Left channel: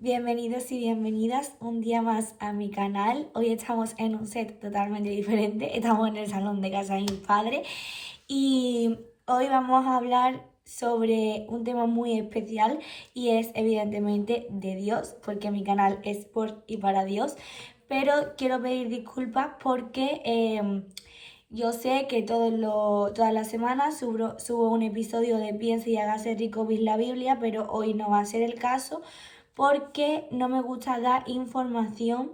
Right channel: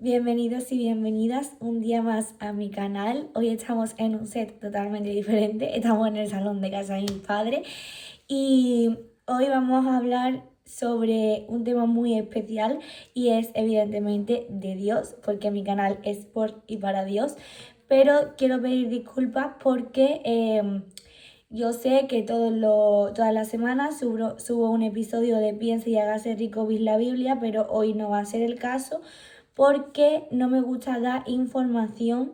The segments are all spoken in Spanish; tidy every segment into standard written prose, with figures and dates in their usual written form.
Bienvenidos y bienvenidas un día más a mi canal. Hoy estamos en un set totalmente diferente. Estamos en el salón de casa de mi padre y hoy vamos a hablar sobre un tema muy especial y es evidentemente de Dios, porque mi canal es por y para Dios. Pero quiero pedir disculpas porque yo sé que todas las semanas subo un episodio de Piensa y hágase rico bis la Biblia, pero hoy no va a ser el caso porque no me gusta dar información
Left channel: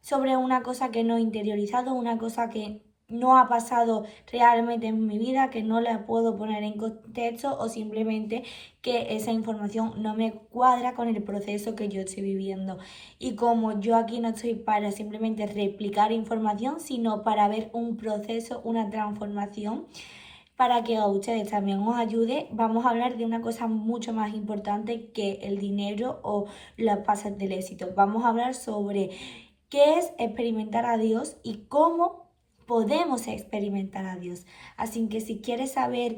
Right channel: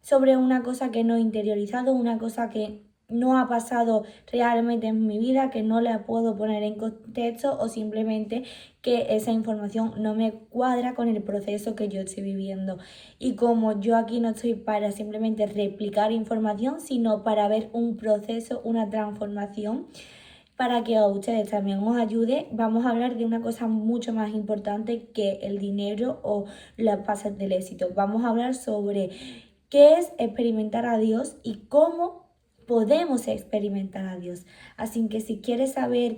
sobre una cosa que no he interiorizado, una cosa que no ha pasado realmente en mi vida, que no la puedo poner en contexto o simplemente que esa información no me cuadra con el proceso que yo estoy viviendo. Y como yo aquí no estoy para simplemente replicar información, sino para ver un proceso, una transformación, para que a ustedes también os ayude, vamos a hablar de una cosa mucho más importante que el dinero o las pases del éxito. Vamos a hablar sobre qué es experimentar a Dios y cómo podemos experimentar a Dios. Así que si quieres saber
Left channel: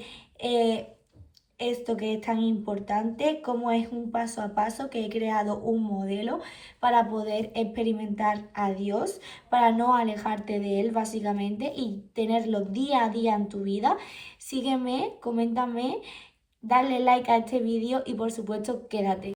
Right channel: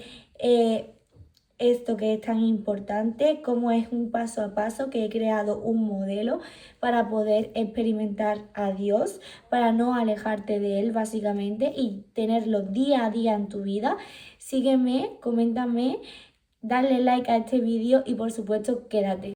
esto que es tan importante, cómo es un paso a paso, que he creado un modelo para poder experimentar a Dios, para no alejarte de Él básicamente y tenerlo día a día en tu vida, sígueme, coméntame, dale like a este vídeo y por supuesto quédate.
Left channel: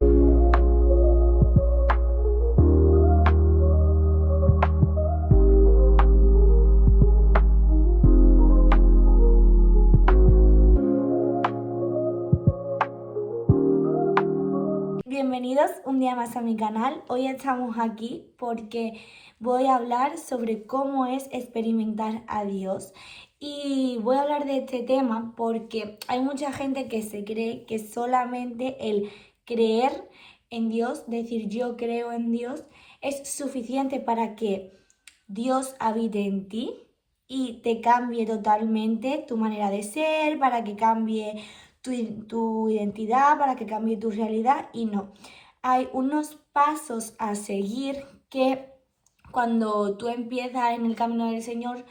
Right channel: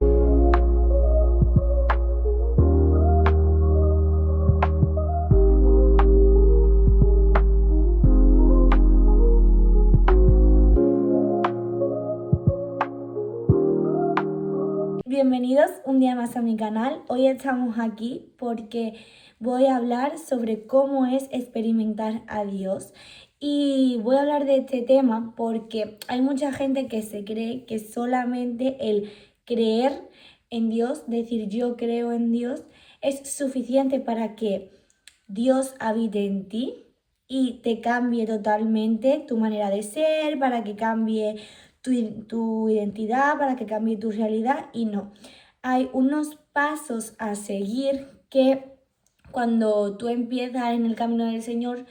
Bienvenidos un día más a mi canal. Hoy estamos aquí porque voy a hablar sobre cómo es experimentar a Dios. Y voy a hablar de este tema porque hay mucha gente que se cree que solamente el creer en Dios, decir yo creo en Dios, es suficiente para que Dios habite en ti y te cambie totalmente tu manera de ser, para que cambie tu identidad, para que cambie tu realidad. Y no, hay unos pasos a seguir que cuando tú empiezas en el camino del Señor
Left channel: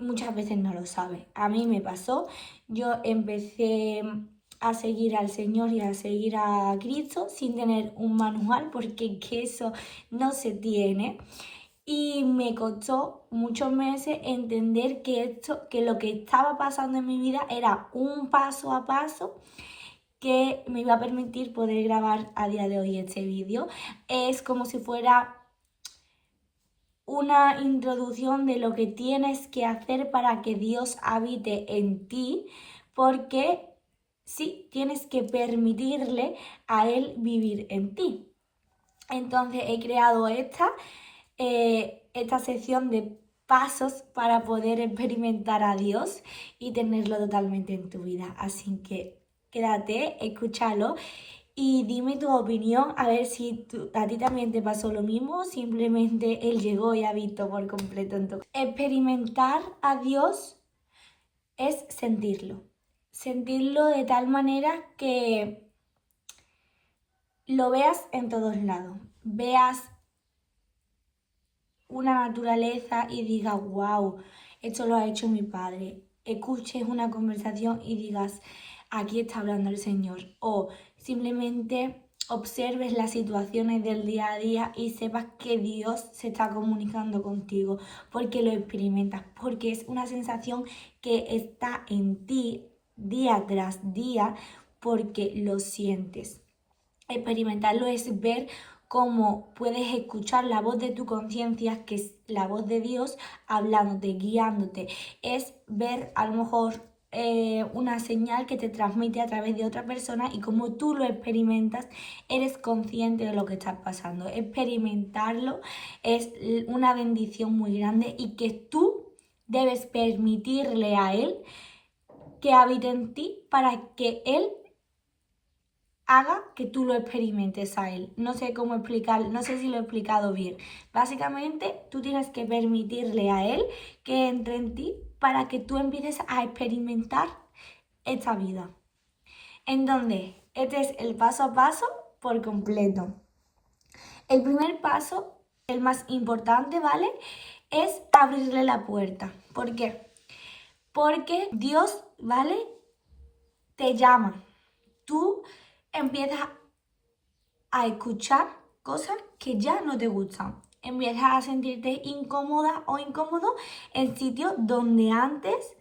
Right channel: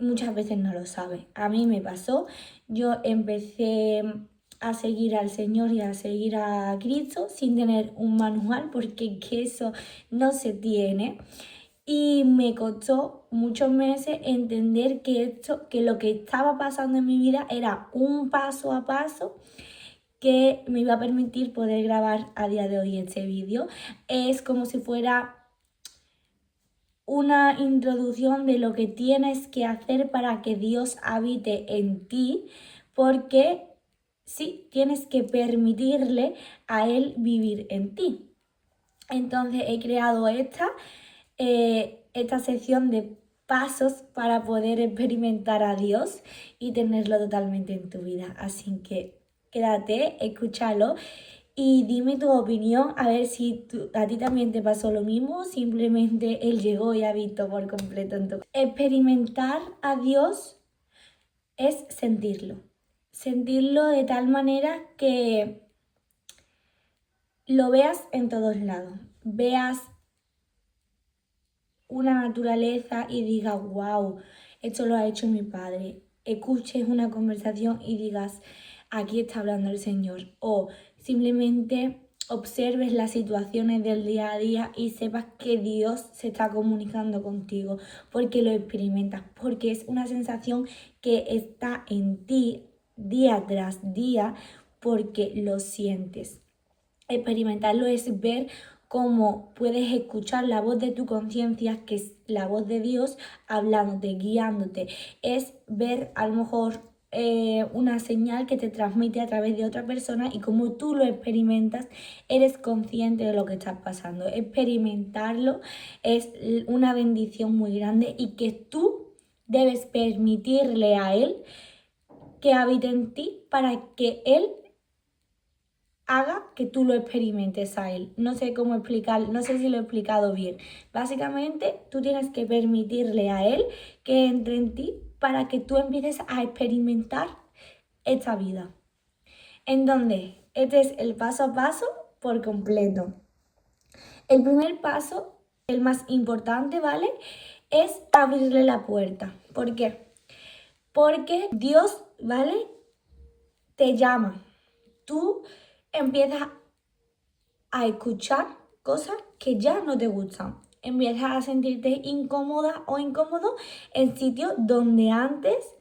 muchas veces no lo sabes. A mí me pasó, yo empecé a seguir al Señor y a seguir a Cristo sin tener un manual porque que eso no se tiene. Y me costó muchos meses entender que lo que estaba pasando en mi vida era un paso a paso que me iba a permitir poder grabar a día de hoy este vídeo. Es como si fuera una introducción de lo que tienes que hacer para que Dios habite en ti, porque sí, tienes que permitirle a Él vivir en ti. Entonces he creado esta sección de pasos para poder experimentar a Dios y tenerlo totalmente en tu vida. Así que quédate, escúchalo y dime tu opinión, a ver si a ti también te pasó lo mismo, simplemente Él llegó y habitó por completo en tu vida. Experimentar a Dios es sentirlo. Sentirlo de tal manera que lo veas en todos lados. Veas una naturaleza y digas, wow, esto lo ha hecho mi padre. Escuches una conversación y digas, aquí está hablando el Señor. O simplemente observes las situaciones del día a día y sepas que Dios se está comunicando contigo porque lo experimentas, porque es una sensación que está en ti día tras día porque lo sientes. Experimentarlo es ver cómo puedes escuchar la voz de tu conciencia, que es la voz de Dios, hablándote, guiándote. Es ver a lo mejor una señal que te transmite a través de otra persona y como tú lo experimentas, eres consciente de lo que está pasando. Experimentarlo es una bendición muy grande y que tú debes permitirle a Él que habite en ti para que Él haga que tú lo experimentes a Él. No sé cómo explicar, no sé si lo he explicado bien. Básicamente, tú tienes que permitirle a Él que entre en ti para que tú empieces a experimentar esta vida. En donde este es el paso a paso por completo. El primer paso, el más importante, ¿vale? Es abrirle la puerta. ¿Por qué? Porque Dios, ¿vale? Te llama. Tú empiezas a escuchar cosas que ya no te gustan. Empiezas a sentirte incómoda o incómodo en sitios donde antes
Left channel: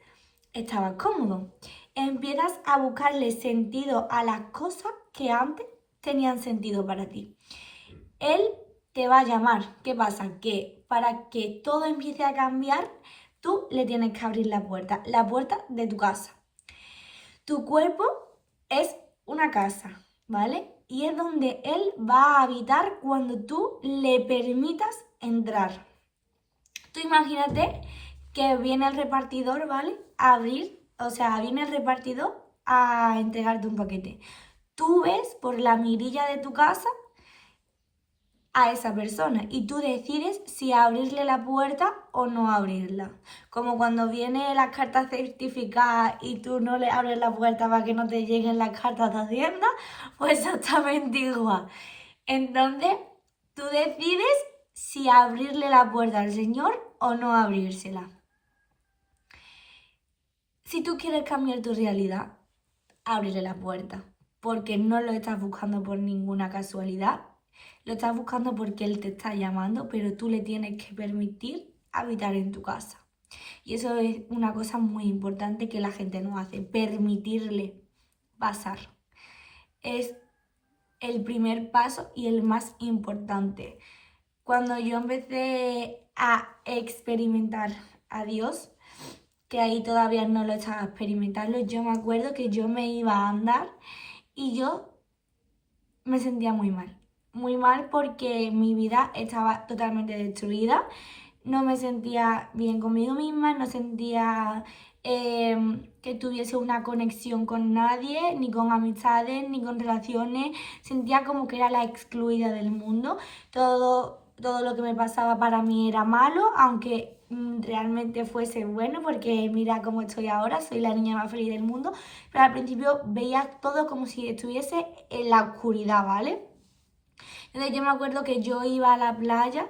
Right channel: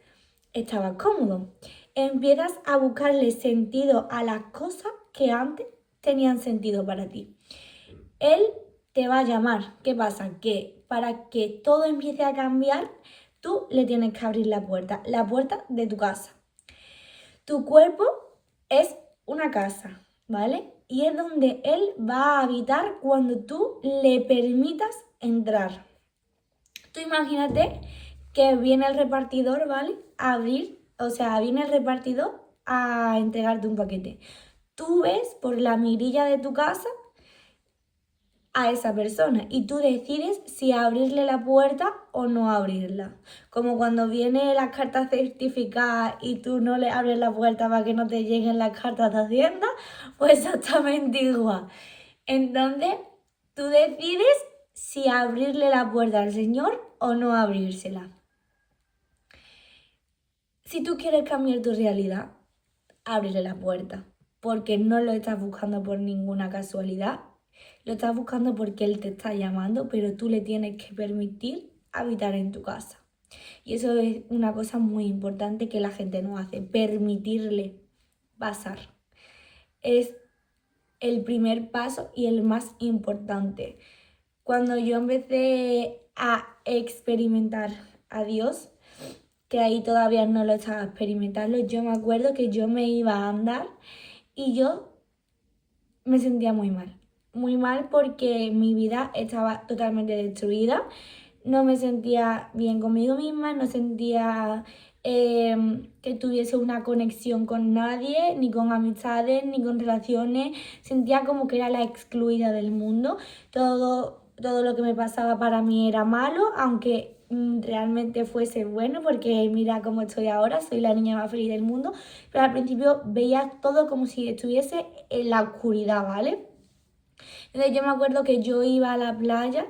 estabas cómodo. Empiezas a buscarle sentido a las cosas que antes tenían sentido para ti. Él te va a llamar. ¿Qué pasa? Que para que todo empiece a cambiar, tú le tienes que abrir la puerta de tu casa. Tu cuerpo es una casa, ¿vale? Y es donde él va a habitar cuando tú le permitas entrar. Tú imagínate que viene el repartidor, ¿vale? Viene el repartidor a entregarte un paquete. Tú ves por la mirilla de tu casa a esa persona y tú decides si abrirle la puerta o no abrirla. Como cuando vienen las cartas certificadas y tú no le abres la puerta para que no te lleguen las cartas de Hacienda, pues exactamente igual. Entonces, tú decides si abrirle la puerta al Señor o no abrírsela. Si tú quieres cambiar tu realidad, ábrele la puerta, porque no lo estás buscando por ninguna casualidad. Lo estás buscando porque Él te está llamando, pero tú le tienes que permitir habitar en tu casa. Y eso es una cosa muy importante que la gente no hace, permitirle pasar. Es el primer paso y el más importante. Cuando yo empecé a experimentar a Dios, que ahí todavía no lo estaba experimentando, yo me acuerdo que yo me iba a andar y yo me sentía muy mal porque mi vida estaba totalmente destruida, no me sentía bien conmigo misma, no sentía que tuviese una conexión con nadie, ni con amistades, ni con relaciones, sentía como que era la excluida del mundo, todo lo que me pasaba para mí era malo, aunque realmente fuese bueno, porque mira cómo estoy ahora, soy la niña más feliz del mundo, pero al principio veía todo como si estuviese en la oscuridad, ¿vale? Entonces yo me acuerdo que yo iba a la playa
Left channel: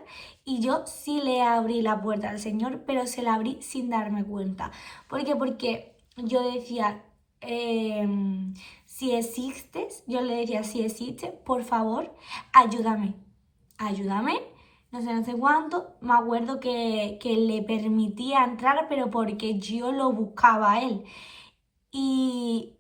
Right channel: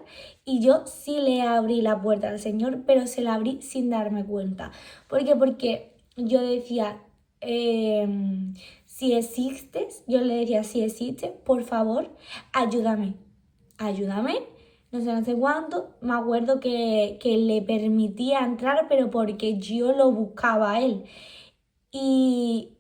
y yo sí le abrí la puerta al Señor, pero se la abrí sin darme cuenta. ¿Por qué? Porque yo decía, si existes, yo le decía, si existes, por favor, ayúdame, ayúdame. No sé cuánto, me acuerdo que le permitía entrar, pero porque yo lo buscaba a él. Y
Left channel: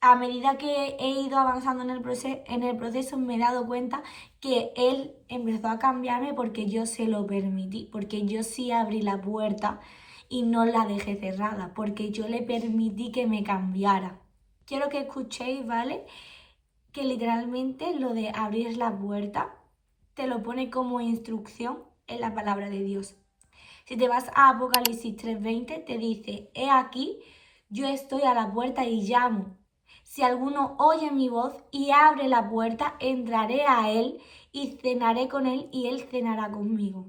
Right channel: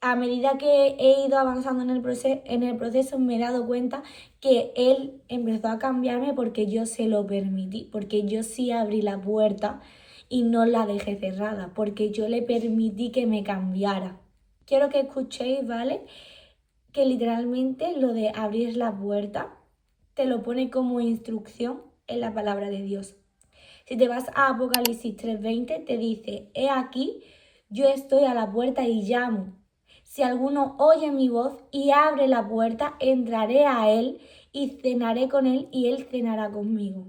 a medida que he ido avanzando en el proceso me he dado cuenta que él empezó a cambiarme porque yo se lo permití, porque yo sí abrí la puerta y no la dejé cerrada, porque yo le permití que me cambiara. Quiero que escuchéis, ¿vale? Que literalmente lo de abrir la puerta te lo pone como instrucción en la palabra de Dios. Si te vas a Apocalipsis 3:20 te dice, he aquí, yo estoy a la puerta y llamo. Si alguno oye mi voz y abre la puerta, entraré a él y cenaré con él y él cenará conmigo.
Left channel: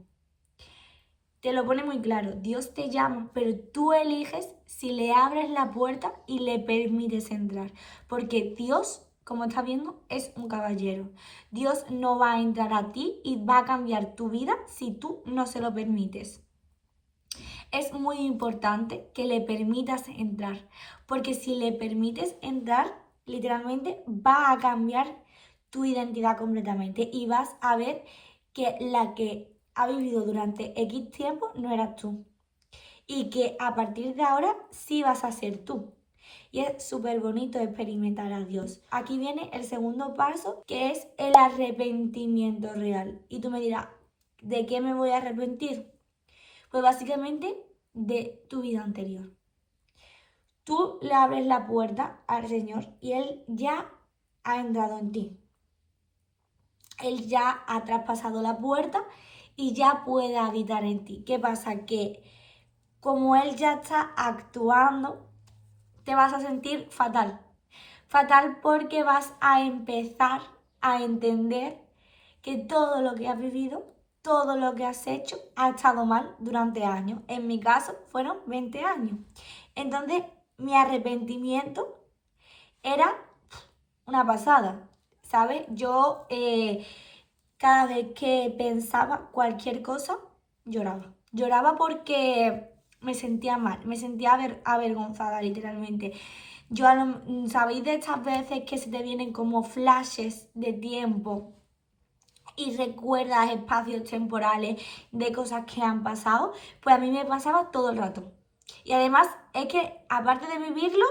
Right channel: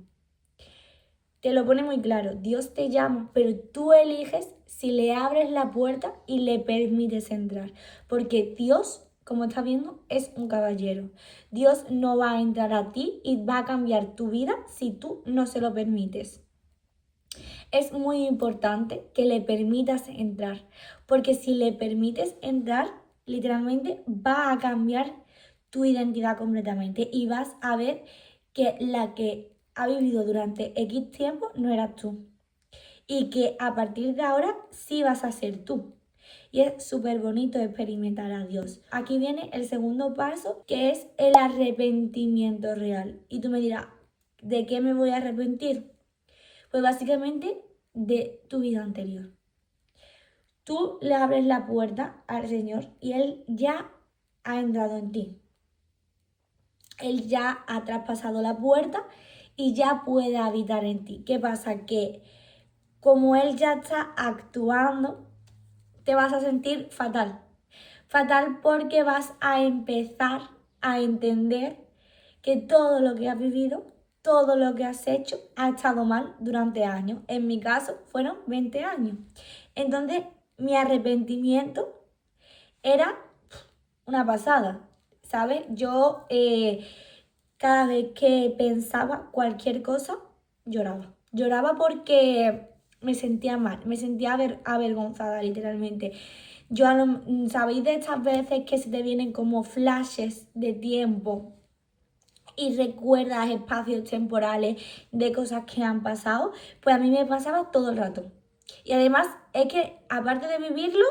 Te lo pone muy claro, Dios te llama, pero tú eliges si le abres la puerta y le permites entrar. Porque Dios, como estás viendo, es un caballero. Dios no va a entrar a ti y va a cambiar tu vida si tú no se lo permites. Es muy importante que le permitas entrar, porque si le permites entrar, literalmente va a cambiar tu identidad completamente y vas a ver que la que ha vivido durante X tiempo no eras tú y que a partir de ahora sí vas a ser tú. Y es súper bonito experimentar a Dios. Aquí viene el segundo paso, que es el arrepentimiento real. Y tú me dirás, ¿de qué me voy a arrepentir? Pues básicamente de tu vida anterior. Tú le abres la puerta al Señor y Él ya ha entrado en ti. Él ya ha traspasado la puerta y ya puede habitar en ti. ¿Qué pasa? Que como Él ya está actuando, te vas a sentir fatal. Fatal porque vas a empezar a entender que todo lo que has vivido, todo lo que has hecho ha estado mal durante años. En mi caso fueron 20 años. Entonces mi arrepentimiento era una pasada, ¿sabes? Yo cada vez que pensaba cualquier cosa, lloraba. Lloraba porque me sentía mal, me sentía avergonzada literalmente. ¿Sabéis de estas veces que se te vienen como flashes de tiempo y recuerdas espacios temporales de cosas que han pasado, pues a mí me pasaba todo el rato. Y además es que, aparte de vivirlo,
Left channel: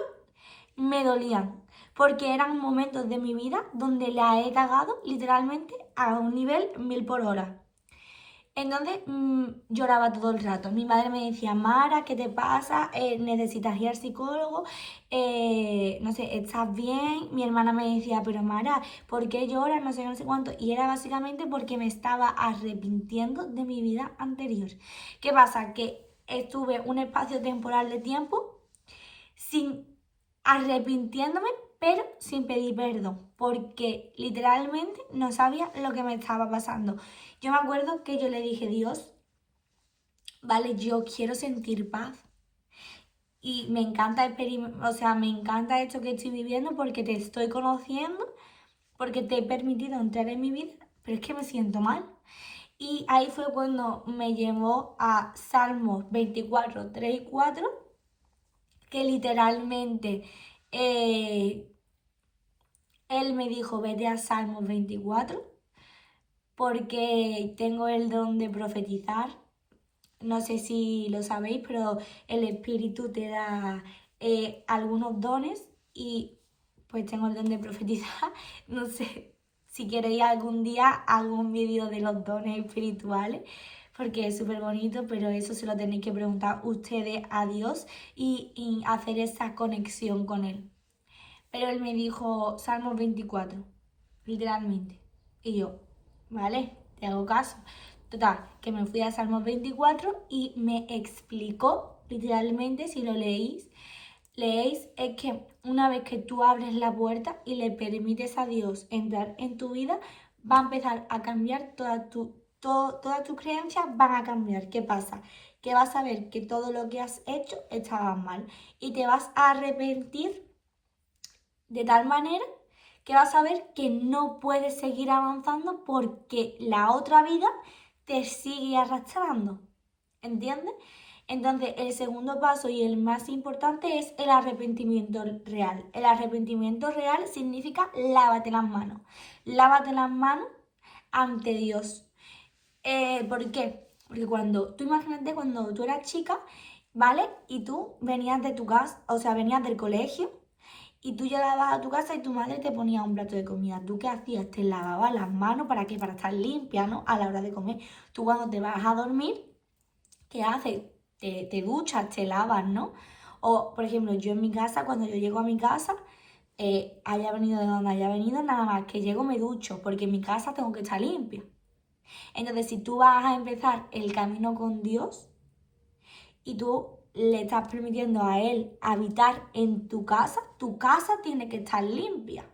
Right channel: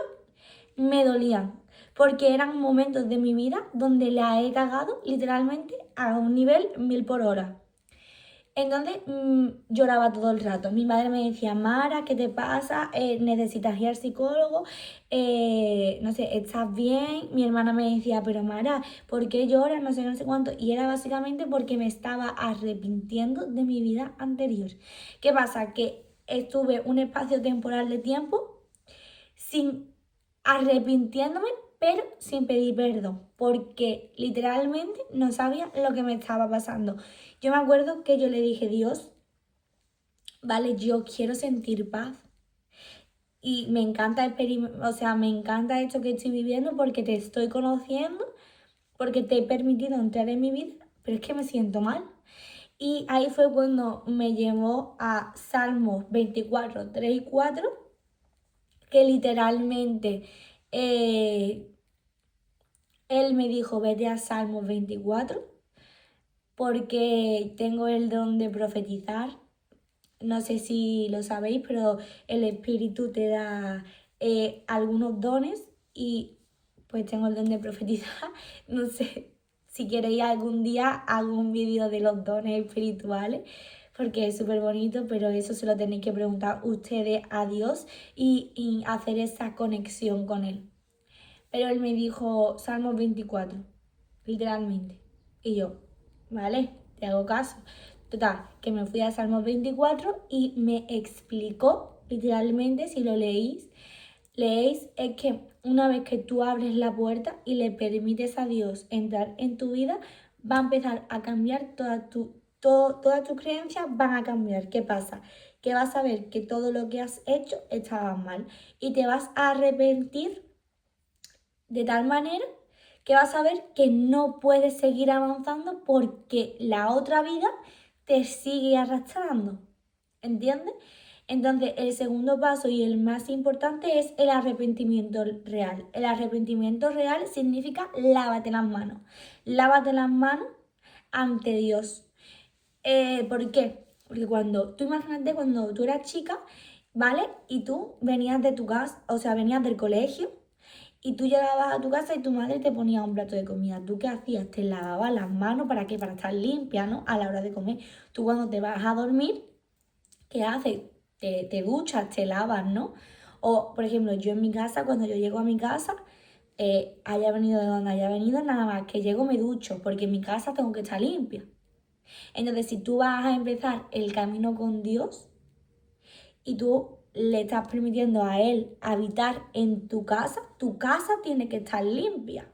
me dolían, porque eran momentos de mi vida donde la he cagado literalmente a un nivel 1000 por hora. Entonces lloraba todo el rato. Mi madre me decía, Mara, ¿qué te pasa? ¿Necesitas ir al psicólogo? No sé, ¿estás bien? Mi hermana me decía, pero Mara, ¿por qué lloras? No sé, no sé cuánto. Y era básicamente porque me estaba arrepintiendo de mi vida anterior. ¿Qué pasa? Que estuve un espacio temporal de tiempo sin arrepintiéndome, pero sin pedir perdón, porque literalmente no sabía lo que me estaba pasando. Yo me acuerdo que yo le dije, Dios, vale, yo quiero sentir paz y me encanta o sea, me encanta esto que estoy viviendo porque te estoy conociendo, porque te he permitido entrar en mi vida, pero es que me siento mal. Y ahí fue cuando me llevó a Salmos 24, 3 y 4, que literalmente él me dijo, vete a Salmos 24 porque tengo el don de profetizar. No sé si lo sabéis, pero el Espíritu te da algunos dones y pues tengo el don de profetizar. No sé si queréis algún día hago un vídeo de los dones espirituales porque es súper bonito, pero eso se lo tenéis que preguntar ustedes a Dios y hacer esa conexión con Él. Pero él me dijo Salmos 24, literalmente. Y yo, vale, te hago caso. Total, que me fui a Salmos 24 y me explicó, literalmente, si lo leéis, es que una vez que tú abres la puerta y le permites a Dios entrar en tu vida, va a empezar a cambiar todas tus creencias van a cambiar. ¿Qué pasa? Que vas a ver que todo lo que has hecho estaba mal y te vas a arrepentir de tal manera que vas a ver que no puedes seguir avanzando porque la otra vida te sigue arrastrando. ¿Entiendes? Entonces, el segundo paso y el más importante es el arrepentimiento real. El arrepentimiento real significa lávate las manos. Lávate las manos ante Dios. ¿Por qué? Porque tú imagínate cuando tú eras chica, ¿vale? Y tú venías de tu casa, o sea, venías del colegio y tú llegabas a tu casa y tu madre te ponía un plato de comida. ¿Tú qué hacías? Te lavabas las manos, ¿para qué? Para estar limpia, ¿no? A la hora de comer. Tú cuando te vas a dormir, ¿qué haces? Te duchas, te lavas, ¿no? O, por ejemplo, yo en mi casa, cuando yo llego a mi casa, haya venido de donde haya venido, nada más que llego me ducho, porque en mi casa tengo que estar limpia. Entonces, si tú vas a empezar el camino con Dios y tú le estás permitiendo a Él habitar en tu casa tiene que estar limpia.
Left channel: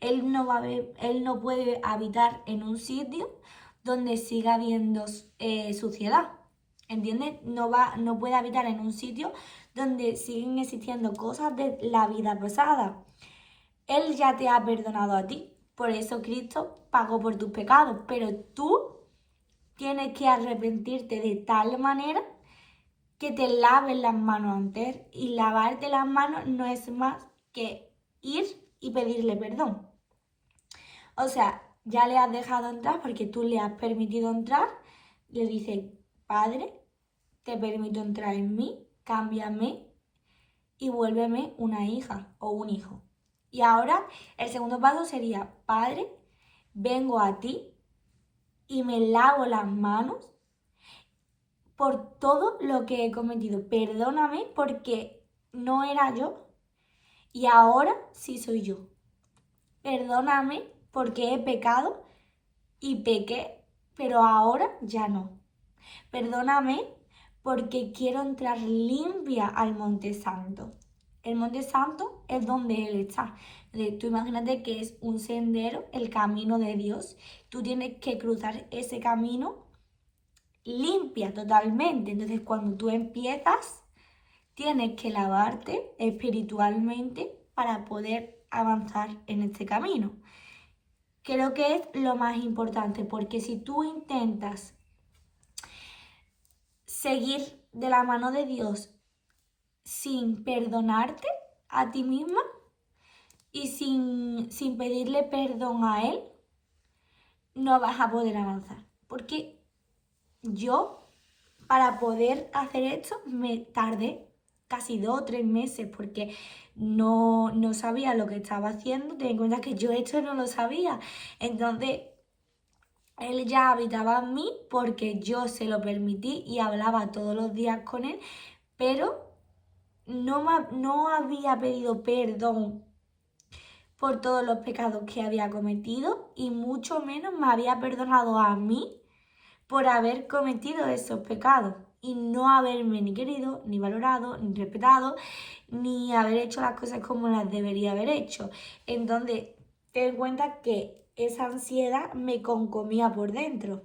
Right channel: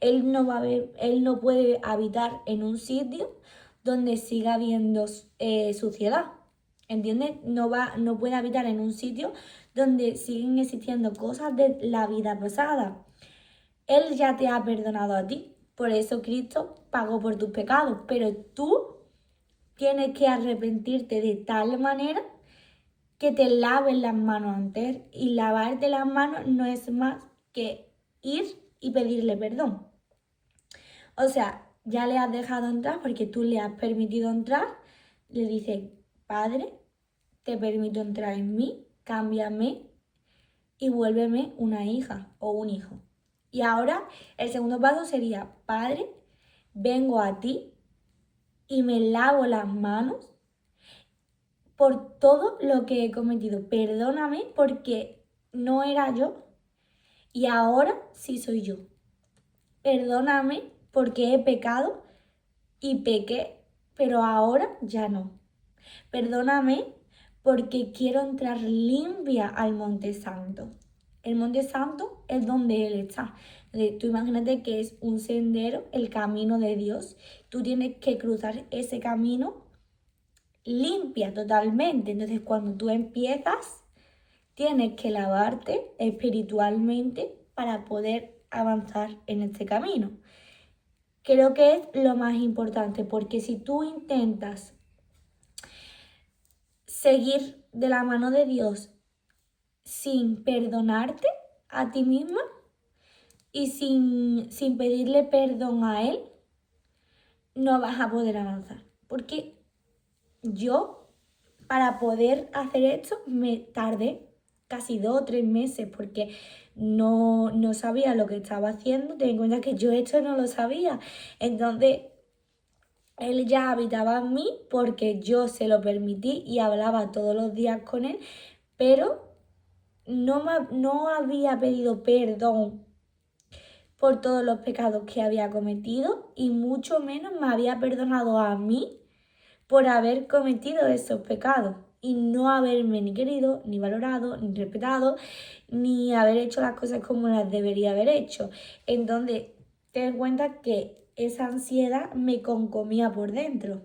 Él no puede habitar en un sitio donde siga habiendo suciedad. ¿Entiendes? No puede habitar en un sitio donde siguen existiendo cosas de la vida pasada. Él ya te ha perdonado a ti. Por eso Cristo pagó por tus pecados. Pero tú tienes que arrepentirte de tal manera que te laves las manos antes. Y lavarte las manos no es más que ir y pedirle perdón. O sea, ya le has dejado entrar porque tú le has permitido entrar. Le dices, Padre, te permito entrar en mí, cámbiame y vuélveme una hija o un hijo. Y ahora el segundo paso sería, Padre, vengo a ti y me lavo las manos por todo lo que he cometido. Perdóname porque no era yo y ahora sí soy yo. Perdóname porque he pecado y pequé, pero ahora ya no. Perdóname porque quiero entrar limpia al Monte Santo. El Monte Santo es donde Él está. Tú imagínate que es un sendero, el camino de Dios. Tú tienes que cruzar ese camino limpia totalmente. Entonces, cuando tú empiezas, tienes que lavarte espiritualmente para poder avanzar en este camino. Creo que es lo más importante, porque si tú intentas seguir de la mano de Dios sin perdonarte a ti misma y sin pedirle perdón a Él, no vas a poder avanzar. Porque yo, para poder hacer esto, me tardé casi 2 o 3 meses porque no sabía lo que estaba haciendo. Ten en cuenta que yo esto no lo sabía. Entonces, él ya habitaba en mí porque yo se lo permití y hablaba todos los días con él, pero no había pedido perdón por todos los pecados que había cometido y mucho menos me había perdonado a mí por haber cometido esos pecados y no haberme ni querido, ni valorado, ni respetado, ni haber hecho las cosas como las debería haber hecho. Entonces, ten en cuenta que esa ansiedad me concomía por dentro.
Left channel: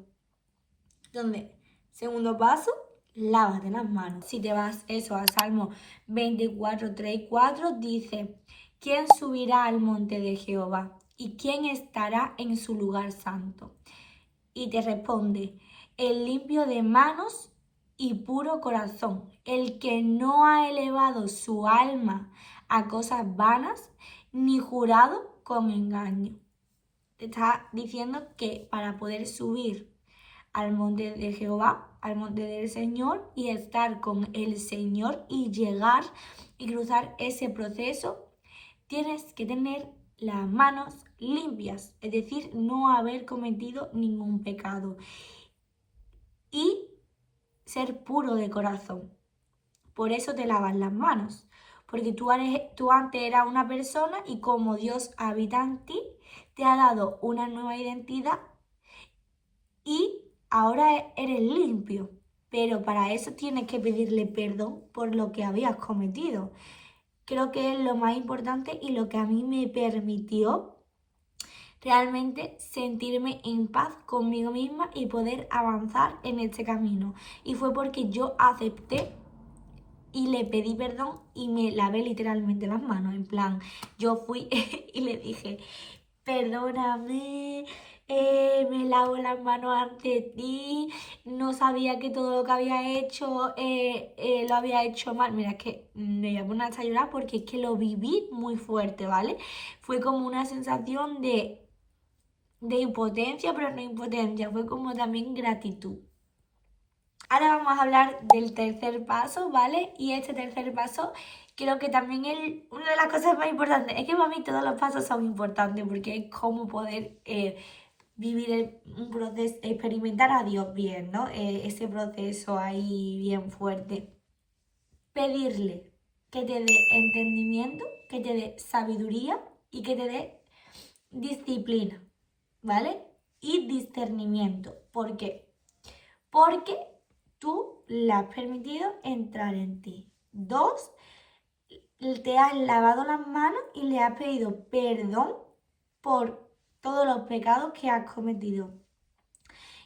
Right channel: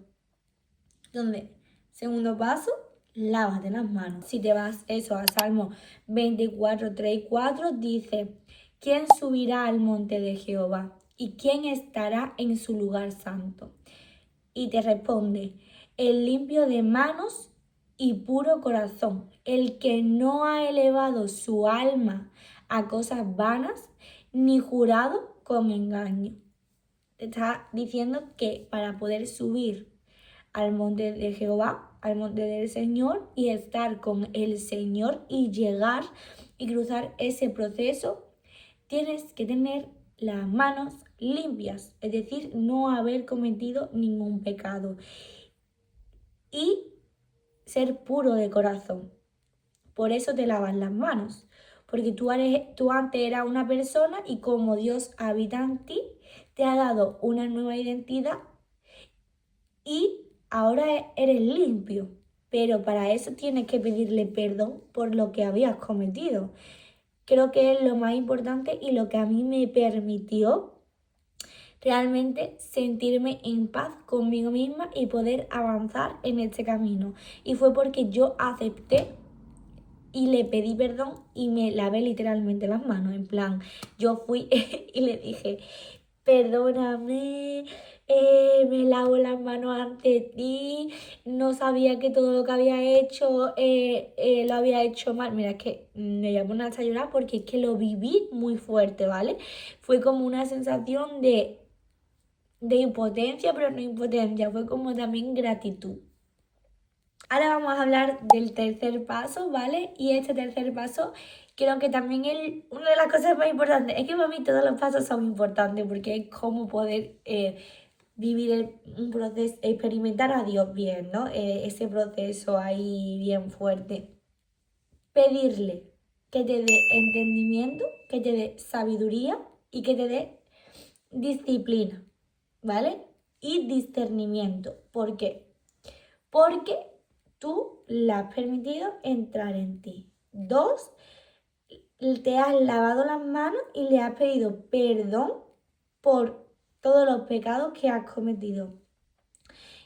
Entonces, segundo paso, lávate las manos. Si te vas eso a Salmo 24, 3 y 4, dice: ¿quién subirá al monte de Jehová? ¿Y quién estará en su lugar santo? Y te responde: el limpio de manos y puro corazón, el que no ha elevado su alma a cosas vanas, ni jurado con engaño. Te está diciendo que para poder subir al monte de Jehová, al monte del Señor, y estar con el Señor y llegar y cruzar ese proceso, tienes que tener las manos limpias, es decir, no haber cometido ningún pecado y ser puro de corazón. Por eso te lavas las manos, porque tú antes eras una persona y como Dios habita en ti, te ha dado una nueva identidad y ahora eres limpio. Pero para eso tienes que pedirle perdón por lo que habías cometido. Creo que es lo más importante y lo que a mí me permitió realmente sentirme en paz conmigo misma y poder avanzar en este camino. Y fue porque yo acepté y le pedí perdón y me lavé literalmente las manos. En plan, yo fui y le dije: perdóname, me lavo las manos ante ti, no sabía que todo lo que había hecho lo había hecho mal. Mira, es que me voy a poner hasta a llorar porque es que lo viví muy fuerte, ¿vale? Fue como una sensación de impotencia, pero no impotencia, fue como también gratitud. Ahora vamos a hablar del tercer paso, ¿vale? Y este tercer paso creo que también es una de las cosas más importantes. Es que para mí todos los pasos son importantes porque es como poder vivir un proceso, experimentar a Dios bien, ¿no? Ese proceso ahí bien fuerte. Pedirle que te dé entendimiento, que te dé sabiduría y que te dé disciplina, ¿vale? Y discernimiento. ¿Por qué? Porque tú le has permitido entrar en ti. 2, te has lavado las manos y le has pedido perdón por todos los pecados que has cometido.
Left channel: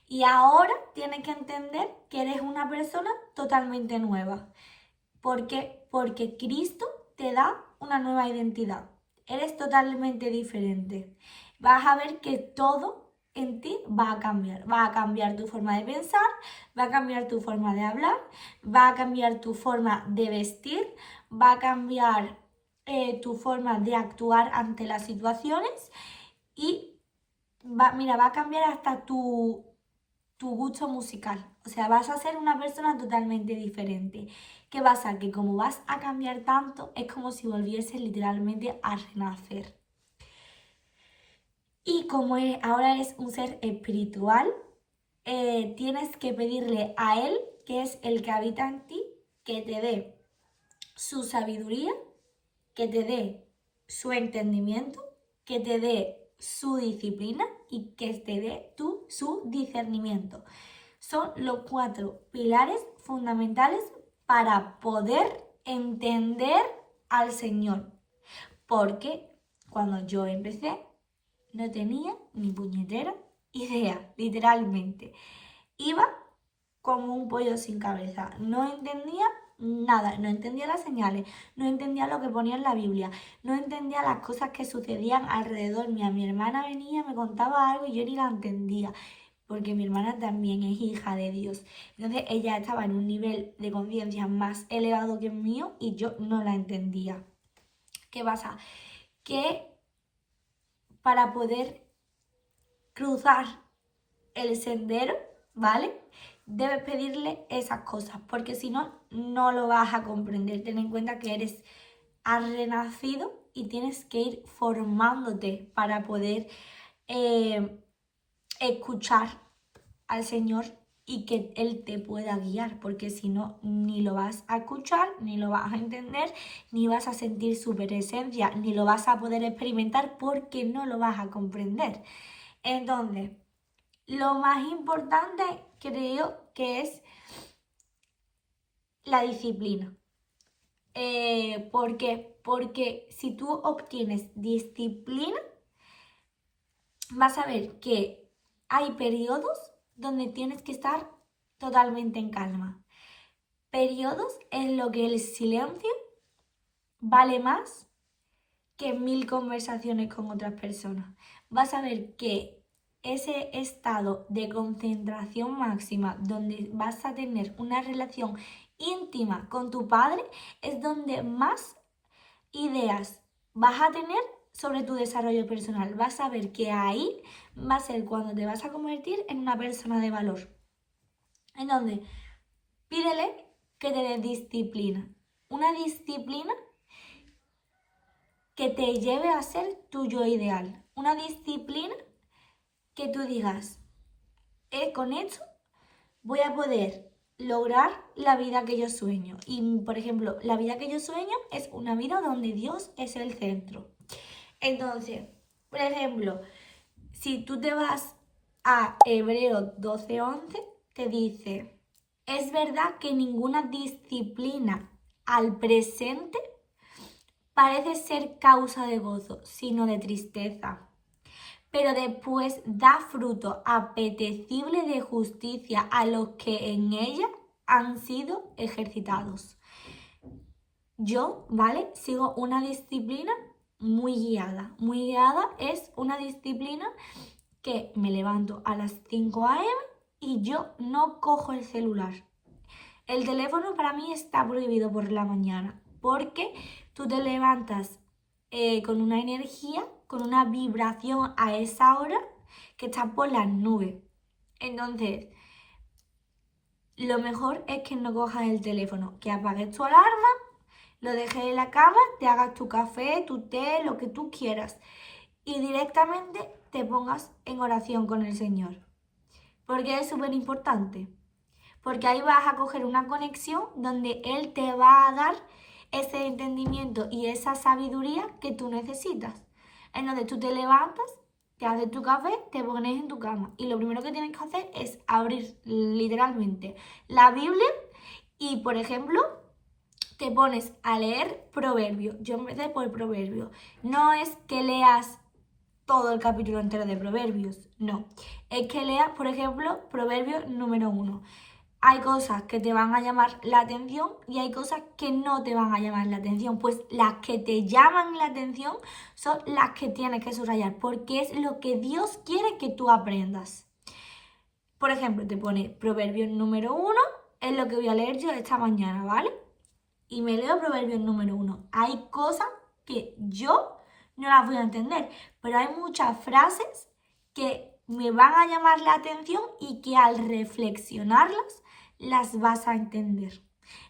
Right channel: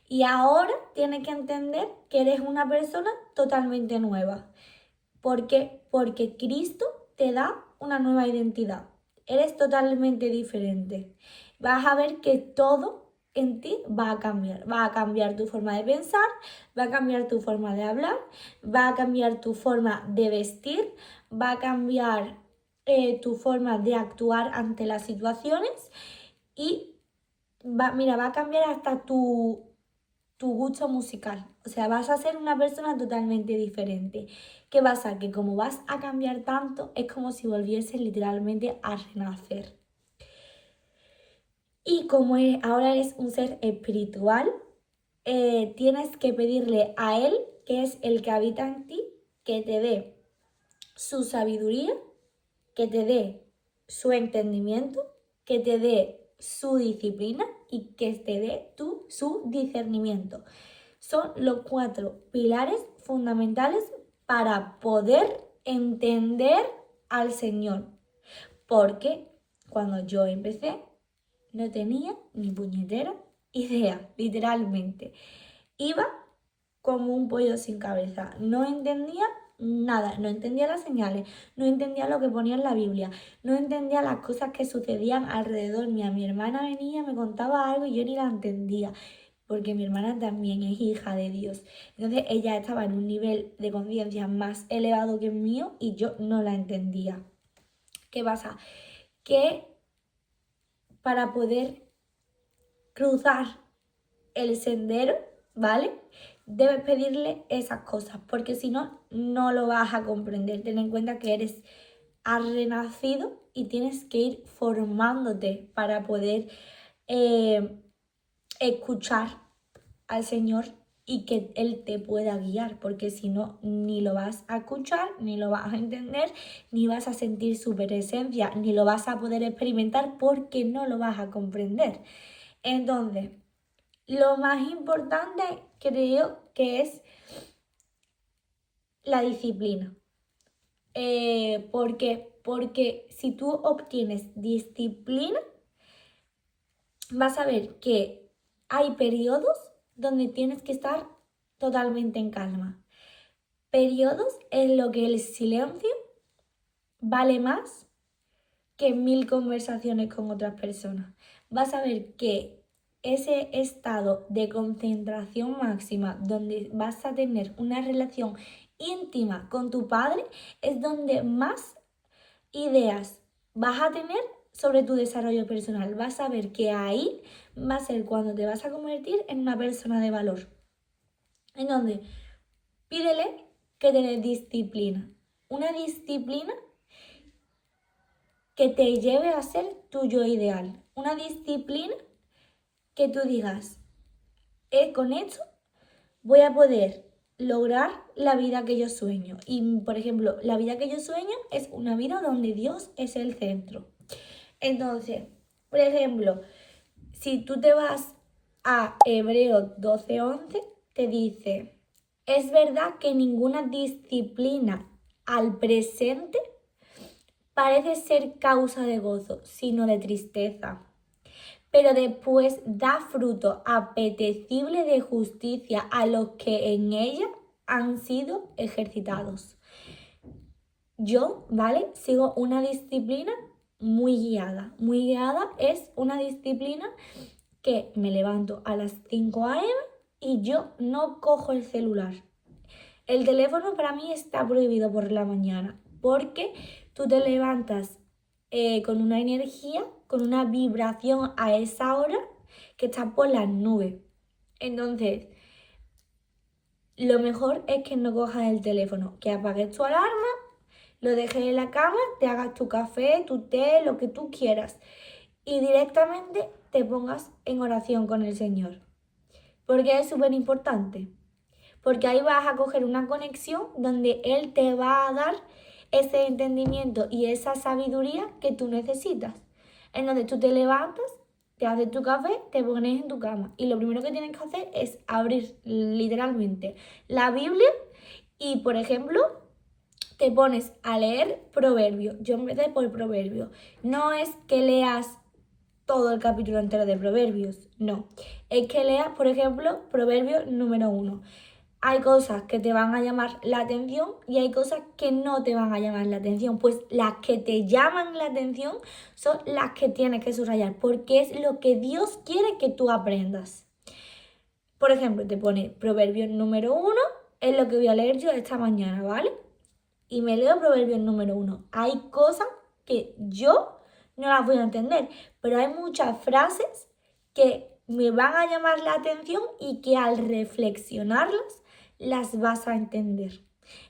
Y ahora tienes que entender que eres una persona totalmente nueva. ¿Por qué? Porque Cristo te da una nueva identidad. Eres totalmente diferente. Vas a ver que todo en ti va a cambiar. Va a cambiar tu forma de pensar, va a cambiar tu forma de hablar, va a cambiar tu forma de vestir, va a cambiar tu forma de actuar ante las situaciones y va a cambiar hasta tu gusto musical. O sea, vas a ser una persona totalmente diferente. ¿Qué pasa? Que como vas a cambiar tanto, es como si volvieses literalmente a renacer. Y como ahora eres un ser espiritual, tienes que pedirle a Él, que es el que habita en ti, que te dé su sabiduría, que te dé su entendimiento, que te dé su disciplina y que te dé su discernimiento. Son los 4 pilares fundamentales para poder entender al Señor. Porque cuando yo empecé, no tenía ni puñetera idea, literalmente. Iba como un pollo sin cabeza. No entendía nada, no entendía las señales, no entendía lo que ponía en la Biblia, no entendía las cosas que sucedían alrededor mía. Mi hermana venía, me contaba algo y yo ni la entendía, porque mi hermana también es hija de Dios. Entonces ella estaba en un nivel de conciencia más elevado que el mío y yo no la entendía. ¿Qué pasa? Que para poder cruzar el sendero, ¿vale? Debes pedirle esas cosas, porque si no, no lo vas a comprender. Ten en cuenta que has renacido y tienes que ir formándote para poder escuchar al Señor y que Él te pueda guiar, porque si no, ni lo vas a escuchar, ni lo vas a entender, ni vas a sentir su presencia, ni lo vas a poder experimentar porque no lo vas a comprender. Entonces, lo más importante creo que es la disciplina. ¿Por qué? Porque si tú obtienes disciplina, vas a ver que hay periodos donde tienes que estar totalmente en calma. Periodos en los que el silencio vale más que 1000 conversaciones con otras personas. Vas a ver que ese estado de concentración máxima donde vas a tener una relación íntima con tu padre es donde más ideas vas a tener sobre tu desarrollo personal. Vas a ver que ahí va a ser cuando te vas a convertir en una persona de valor. Entonces, pídele que te dé disciplina. Una disciplina que te lleve a ser tu yo ideal. Una disciplina que tú digas, con esto voy a poder lograr la vida que yo sueño. Y, por ejemplo, la vida que yo sueño es una vida donde Dios es el centro. Entonces, por ejemplo, si tú te vas a Hebreos 12:11, te dice, es verdad que ninguna disciplina al presente parece ser causa de gozo, sino de tristeza, pero después da fruto apetecible de justicia a los que en ella han sido ejercitados. Yo, ¿vale? Sigo una disciplina muy guiada. Muy guiada es una disciplina que me levanto a las 5 a.m. y yo no cojo el celular. El teléfono para mí está prohibido por la mañana porque tú te levantas con una energía, con una vibración a esa hora que está por las nubes. Entonces, lo mejor es que no cojas el teléfono, que apagues tu alarma, lo dejes en la cama, te hagas tu café, tu té, lo que tú quieras y directamente te pongas en oración con el Señor. Porque es súper importante. Porque ahí vas a coger una conexión donde Él te va a dar ese entendimiento y esa sabiduría que tú necesitas. En donde tú te levantas, te haces tu café, te pones en tu cama y lo primero que tienes que hacer es abrir literalmente la Biblia y, por ejemplo, te pones a leer Proverbios. Yo empecé por Proverbios. No es que leas todo el capítulo entero de Proverbios, no. Es que leas, por ejemplo, Proverbio número 1. Hay cosas que te van a llamar la atención y hay cosas que no te van a llamar la atención. Pues las que te llaman la atención son las que tienes que subrayar, porque es lo que Dios quiere que tú aprendas. Por ejemplo, te pone Proverbios número 1, es lo que voy a leer yo esta mañana, ¿vale? Y me leo Proverbios número 1. Hay cosas que yo no las voy a entender, pero hay muchas frases que me van a llamar la atención y que al reflexionarlas las vas a entender.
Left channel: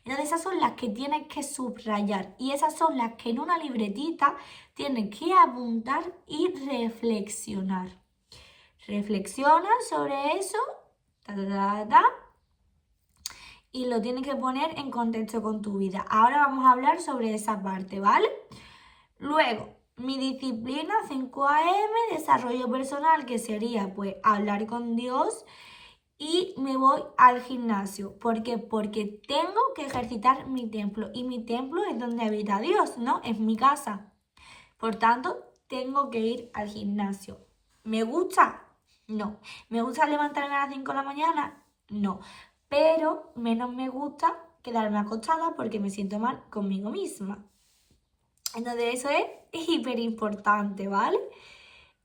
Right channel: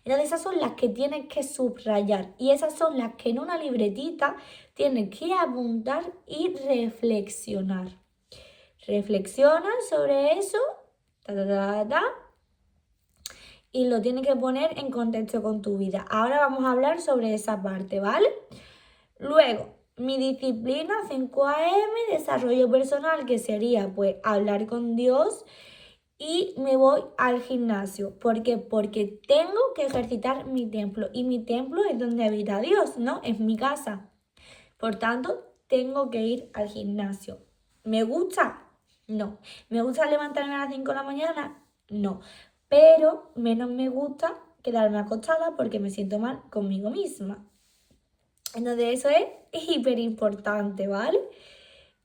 Entonces esas son las que tienes que subrayar y esas son las que en una libretita tienes que apuntar y reflexionar. Reflexiona sobre eso, y lo tienes que poner en contexto con tu vida. Ahora vamos a hablar sobre esa parte, ¿vale? Luego, mi disciplina 5 a.m., desarrollo personal, que sería pues hablar con Dios, y me voy al gimnasio. ¿Por qué? Porque tengo que ejercitar mi templo y mi templo es donde habita Dios, ¿no? Es mi casa. Por tanto, tengo que ir al gimnasio. ¿Me gusta? No. ¿Me gusta levantarme a las 5 de la mañana? No. Pero menos me gusta quedarme acostada porque me siento mal conmigo misma. Entonces eso es hiper importante, ¿vale?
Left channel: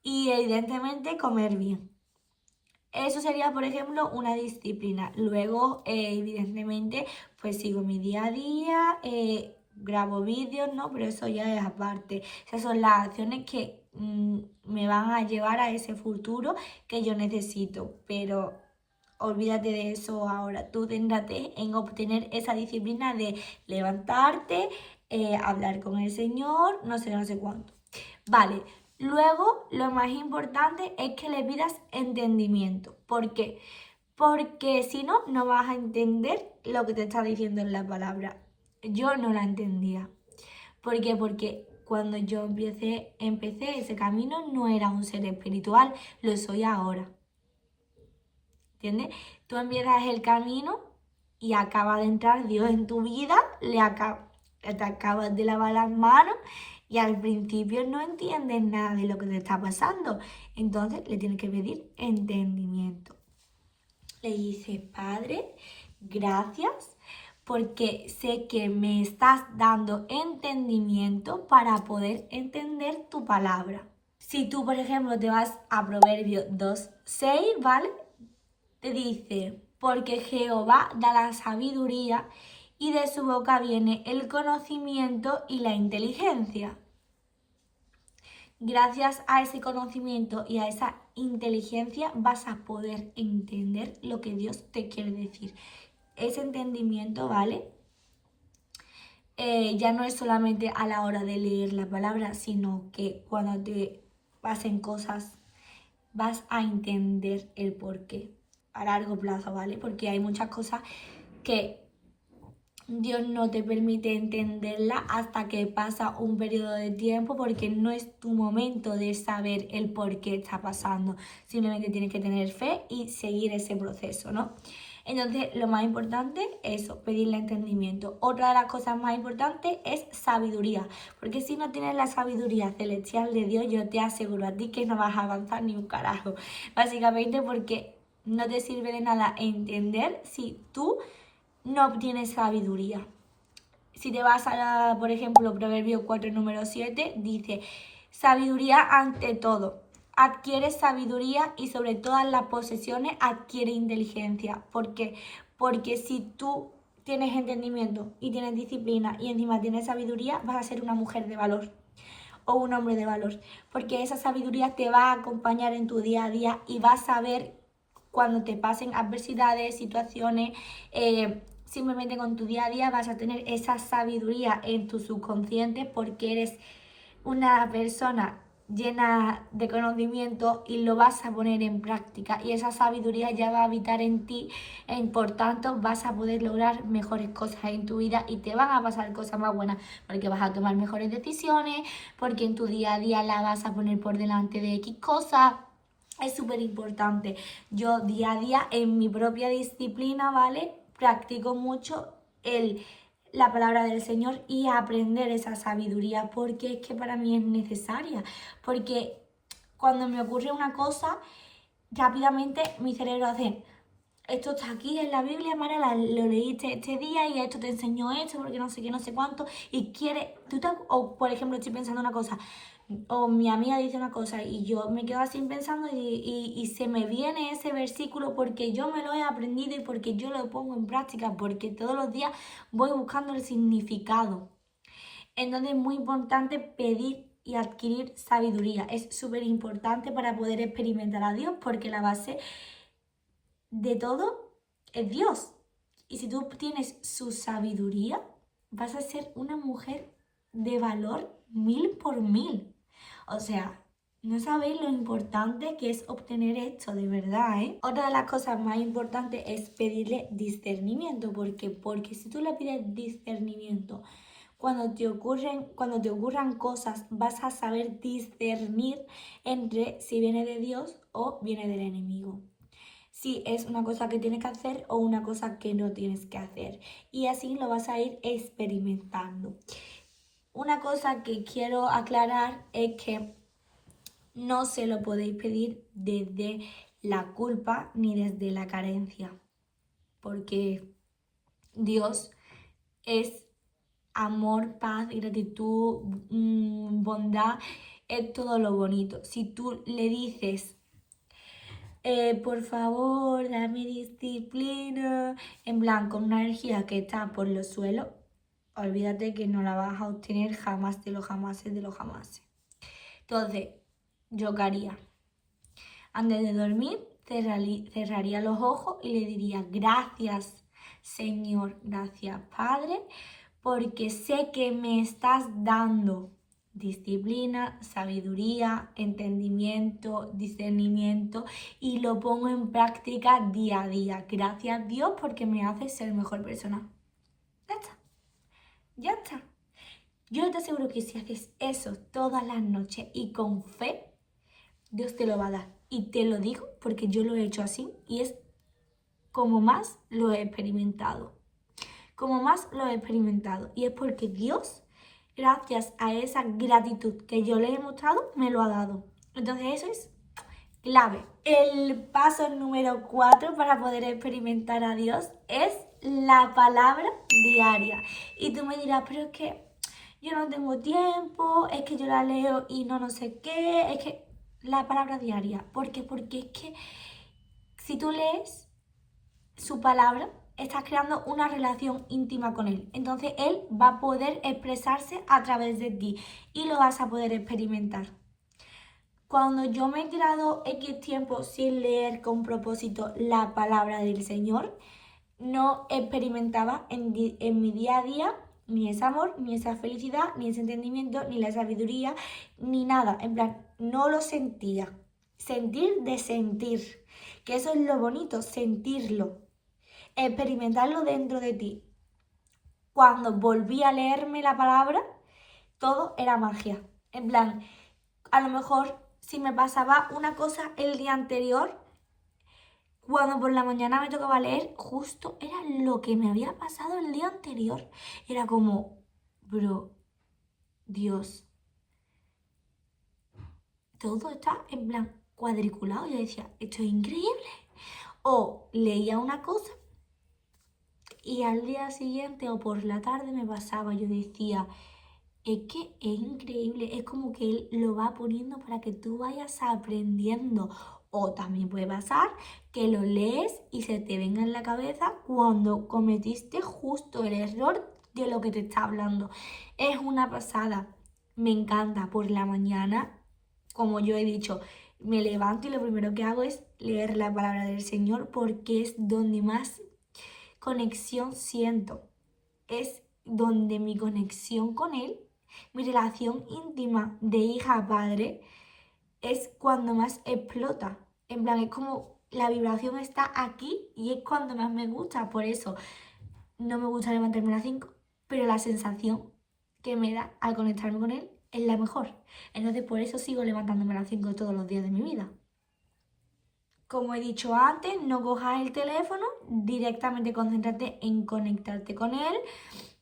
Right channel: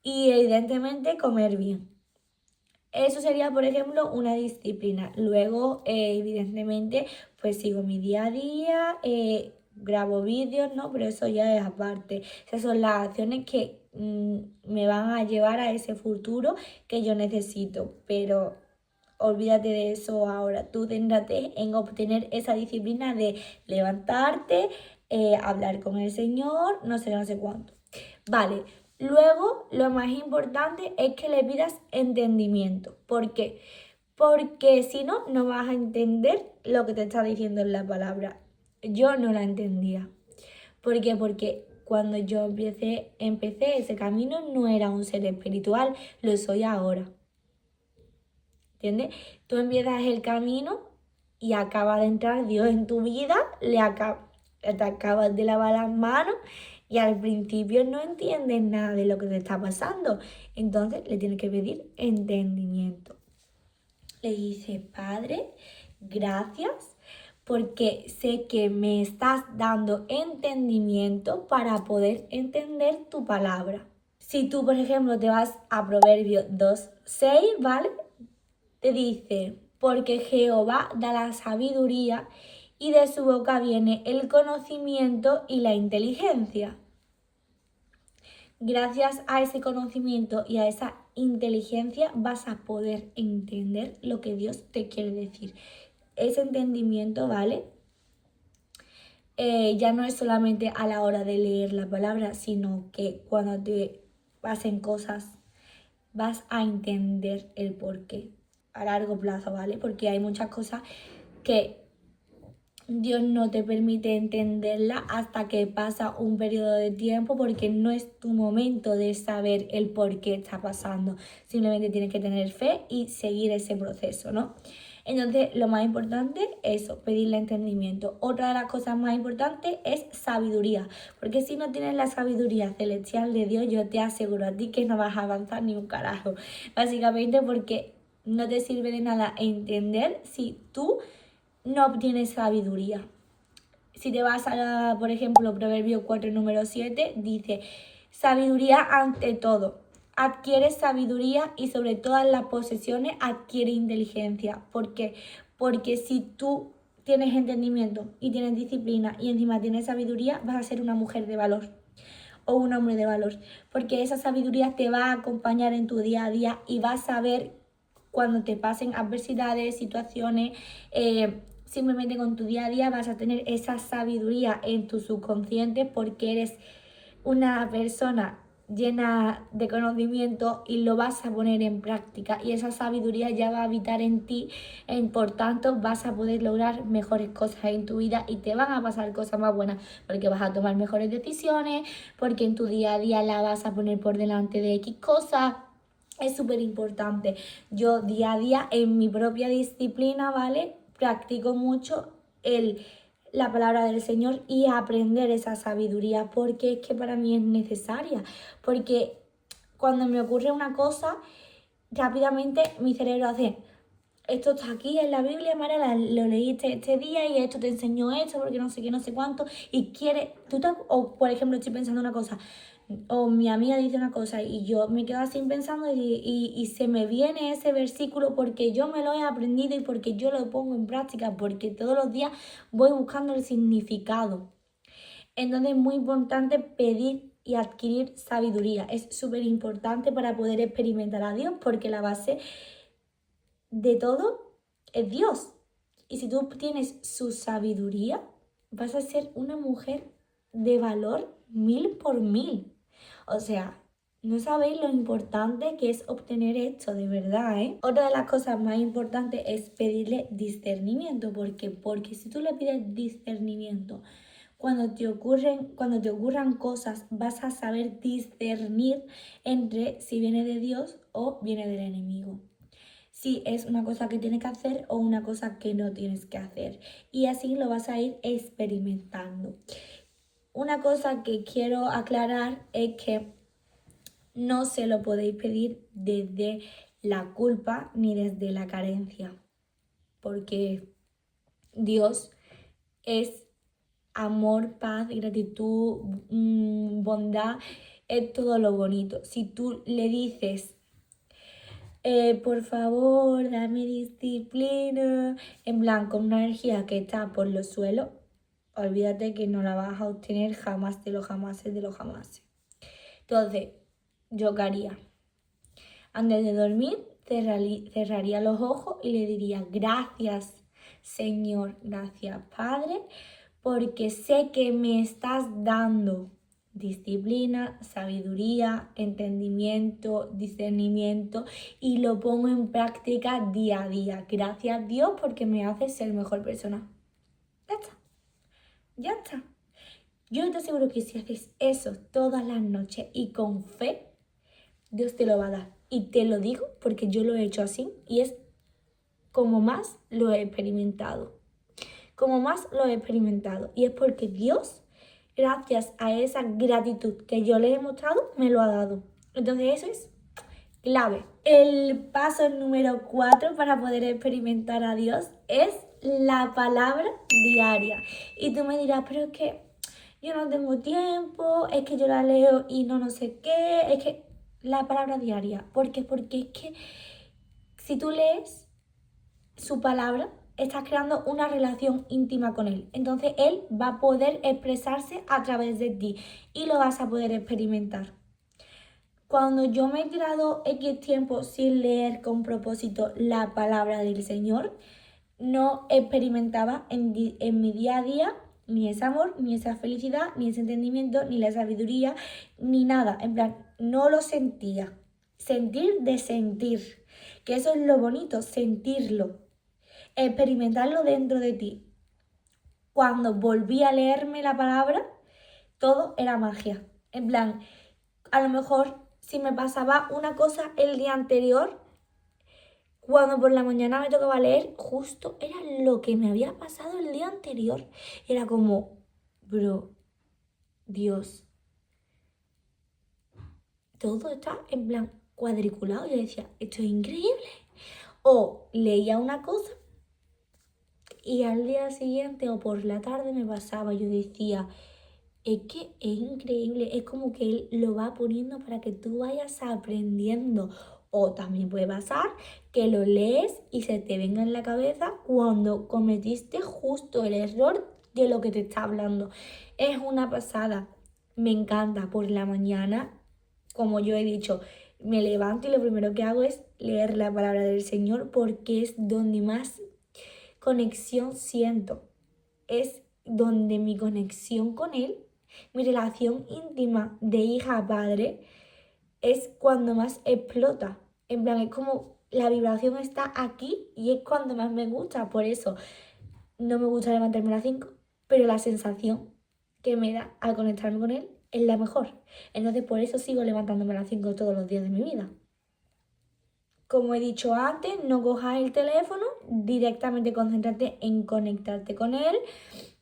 Y evidentemente comer bien. Eso sería, por ejemplo, una disciplina. Luego, evidentemente, pues sigo mi día a día, grabo vídeos, ¿no? Pero eso ya es aparte. Esas son las acciones que me van a llevar a ese futuro que yo necesito, pero olvídate de eso ahora. Tú céntrate en obtener esa disciplina de levantarte, hablar con el Señor, no sé cuánto. Vale, luego lo más importante es que le pidas entendimiento. ¿Por qué? Porque si no, no vas a entender lo que te está diciendo en la palabra. Yo no la entendía. ¿Por qué? Porque cuando yo empecé ese camino no era un ser espiritual, lo soy ahora. ¿Entiendes? Tú empiezas el camino y acaba de entrar Dios en tu vida, te acabas de lavar las manos y al principio no entiendes nada de lo que te está pasando. Entonces le tienes que pedir entendimiento. Le dice, Padre, gracias porque sé que me estás dando entendimiento para poder entender tu palabra. Si tú, por ejemplo, te vas a Proverbios 2:6, ¿vale? Te dice, porque Jehová da la sabiduría y de su boca viene el conocimiento y la inteligencia. Gracias a ese conocimiento y a esa inteligencia vas a poder entender lo que Dios te quiere decir. Ese entendimiento, ¿vale? Ya no es solamente a la hora de leer la palabra, sino que cuando te pasen cosas vas a entender el porqué a largo plazo, ¿vale? Porque hay muchas cosas que Dios no te permite entenderla hasta que pasa un periodo de tiempo porque no es tu momento de saber el por qué está pasando. Simplemente tienes que tener fe y seguir ese proceso, ¿no? Entonces, lo más importante es eso, pedirle entendimiento. Otra de las cosas más importantes es sabiduría, porque si no tienes la sabiduría celestial de Dios, yo te aseguro a ti que no vas a avanzar ni un carajo. Básicamente porque no te sirve de nada entender si tú no obtienes sabiduría. Si te vas a, por ejemplo, Proverbio 4, número 7, dice, sabiduría ante todo. Adquiere sabiduría y sobre todas las posesiones adquiere inteligencia. ¿Por qué? Porque si tú tienes entendimiento y tienes disciplina y encima tienes sabiduría, vas a ser una mujer de valor o un hombre de valor. Porque esa sabiduría te va a acompañar en tu día a día y vas a ver cuando te pasen adversidades, situaciones, simplemente con tu día a día vas a tener esa sabiduría en tu subconsciente porque eres una persona llena de conocimiento y lo vas a poner en práctica y esa sabiduría ya va a habitar en ti y por tanto vas a poder lograr mejores cosas en tu vida y te van a pasar cosas más buenas porque vas a tomar mejores decisiones, porque en tu día a día la vas a poner por delante de X cosas. Es súper importante. Yo día a día en mi propia disciplina, ¿vale? Practico mucho la palabra del Señor y aprender esa sabiduría porque es que para mí es necesaria. Porque cuando me ocurre una cosa, rápidamente mi cerebro hace, esto está aquí en la Biblia, Mariela, lo leíste este día y esto te enseñó esto porque no sé qué, no sé cuánto y quiere, o por ejemplo estoy pensando una cosa o mi amiga dice una cosa y yo me quedo así pensando y se me viene ese versículo porque yo me lo he aprendido y porque yo lo pongo en práctica, porque todos los días voy buscando el significado. Entonces es muy importante pedir y adquirir sabiduría. Es súper importante para poder experimentar a Dios porque la base de todo es Dios. Y si tú tienes su sabiduría, vas a ser una mujer de valor 1000 por 1000. O sea, no sabéis lo importante que es obtener esto, de verdad, ¿eh? Otra de las cosas más importantes es pedirle discernimiento. ¿Por qué? Porque si tú le pides discernimiento, cuando te ocurran cosas, vas a saber discernir entre si viene de Dios o viene del enemigo. Si es una cosa que tienes que hacer o una cosa que no tienes que hacer. Y así lo vas a ir experimentando. Una cosa que quiero aclarar es que no se lo podéis pedir desde la culpa ni desde la carencia, porque Dios es amor, paz, gratitud, bondad, es todo lo bonito. Si tú le dices, por favor, dame disciplina, en plan, con una energía que está por los suelos, olvídate que no la vas a obtener jamás de los jamases de los jamases. Entonces, ¿yo qué haría? Antes de dormir, cerraría los ojos y le diría gracias, Señor, gracias, Padre, porque sé que me estás dando disciplina, sabiduría, entendimiento, discernimiento y lo pongo en práctica día a día. Gracias, Dios, porque me haces ser mejor persona. Ya está, ya está. Yo te aseguro que si haces eso todas las noches y con fe, Dios te lo va a dar. Y te lo digo porque yo lo he hecho así y es como más lo he experimentado. Como más lo he experimentado. Y es porque Dios, gracias a esa gratitud que yo le he mostrado, me lo ha dado. Entonces eso es clave. El paso número 4 para poder experimentar a Dios es la palabra diaria. Y tú me dirás, pero es que yo no tengo tiempo, es que yo la leo y no sé qué, es que la palabra diaria. ¿Por qué? Porque es que si tú lees su palabra, estás creando una relación íntima con él. Entonces él va a poder expresarse a través de ti y lo vas a poder experimentar. Cuando yo me he tirado X tiempo sin leer con propósito la palabra del Señor, no experimentaba en mi día a día ni ese amor, ni esa felicidad, ni ese entendimiento, ni la sabiduría, ni nada. En plan, no lo sentía. Sentir de sentir. Que eso es lo bonito, sentirlo. Experimentarlo dentro de ti. Cuando volví a leerme la palabra, todo era magia. En plan, a lo mejor si me pasaba una cosa el día anterior, cuando por la mañana me tocaba leer, justo era lo que me había pasado el día anterior. Era como, bro, Dios, todo está en plan cuadriculado. Yo decía, esto es increíble. O leía una cosa y al día siguiente o por la tarde me pasaba. Yo decía, es que es increíble, es como que él lo va poniendo para que tú vayas aprendiendo. O también puede pasar que lo lees y se te venga en la cabeza cuando cometiste justo el error de lo que te está hablando. Es una pasada. Me encanta por la mañana, como yo he dicho, me levanto y lo primero que hago es leer la palabra del Señor porque es donde más conexión siento. Es donde mi conexión con Él, mi relación íntima de hija a padre, es cuando más explota. En plan, es como la vibración está aquí y es cuando más me gusta. Por eso no me gusta levantarme a las 5, pero la sensación que me da al conectarme con Él es la mejor. Entonces por eso sigo levantándome a las 5 todos los días de mi vida. Como he dicho antes, no cojas el teléfono, directamente concéntrate en conectarte con Él.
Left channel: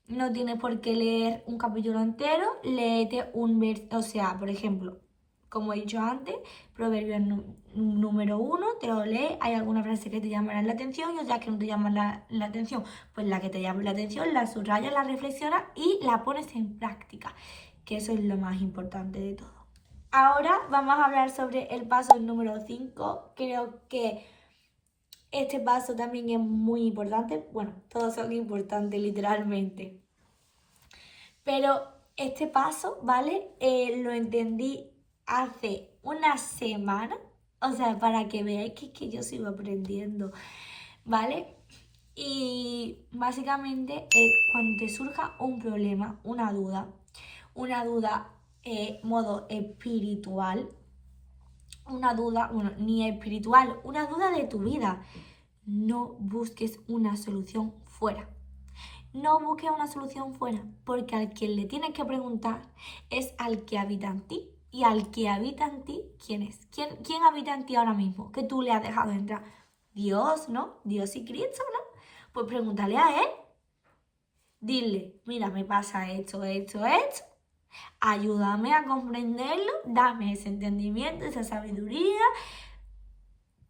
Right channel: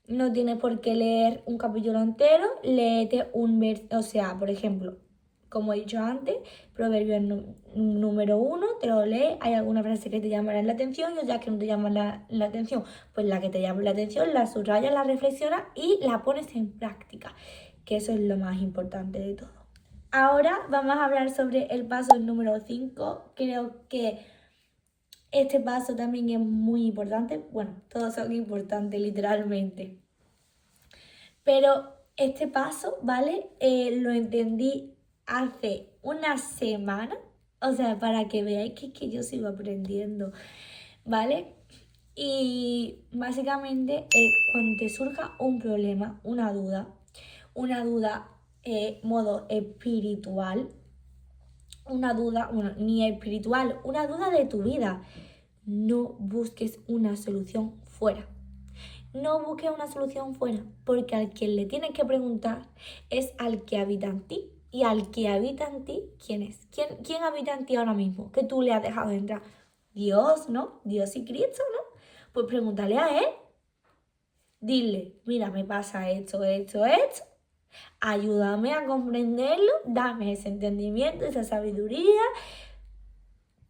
No tienes por qué leer un capítulo entero, léete un versículo, o sea, por ejemplo, como he dicho antes, Proverbios número 1, te lo lees, hay alguna frase que te llamará la atención y otras que no te llaman la atención. Pues la que te llama la atención, la subrayas, la reflexionas y la pones en práctica, que eso es lo más importante de todo. Ahora vamos a hablar sobre el paso número 5. Creo que este paso también es muy importante. Bueno, todos son importantes literalmente. Pero este paso, ¿vale? Lo entendí hace una semana. O sea, para que veáis que yo sigo aprendiendo, ¿vale? Y básicamente cuando te surja un problema, una duda modo espiritual, una duda, bueno, ni espiritual, una duda de tu vida, no busques una solución fuera. No busques una solución fuera, porque al que le tienes que preguntar es al que habita en ti. Y al que habita en ti, ¿quién es? ¿Quién habita en ti ahora mismo? Que tú le has dejado entrar. Dios, ¿no? Dios y Cristo, ¿no? Pues pregúntale a Él. Dile, mira, me pasa esto. Ayúdame a comprenderlo, dame ese entendimiento, esa sabiduría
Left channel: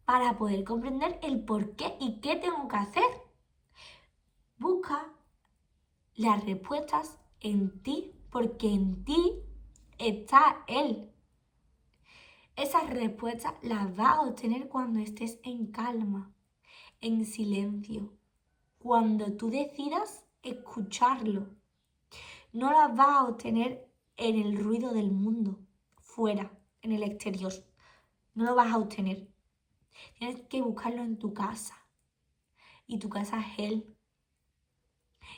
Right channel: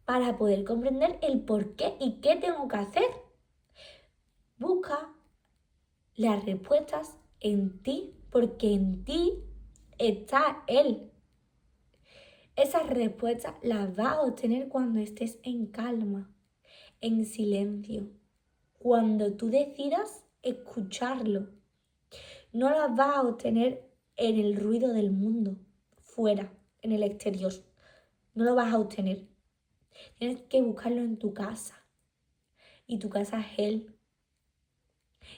para poder comprender el por qué y qué tengo que hacer. Busca las respuestas en ti, porque en ti está Él. Esas respuestas las vas a obtener cuando estés en calma, en silencio, cuando tú decidas escucharlo. No las vas a obtener en el ruido del mundo, fuera. en el exterior. No lo vas a obtener. Tienes que buscarlo en tu casa. Y tu casa es Él.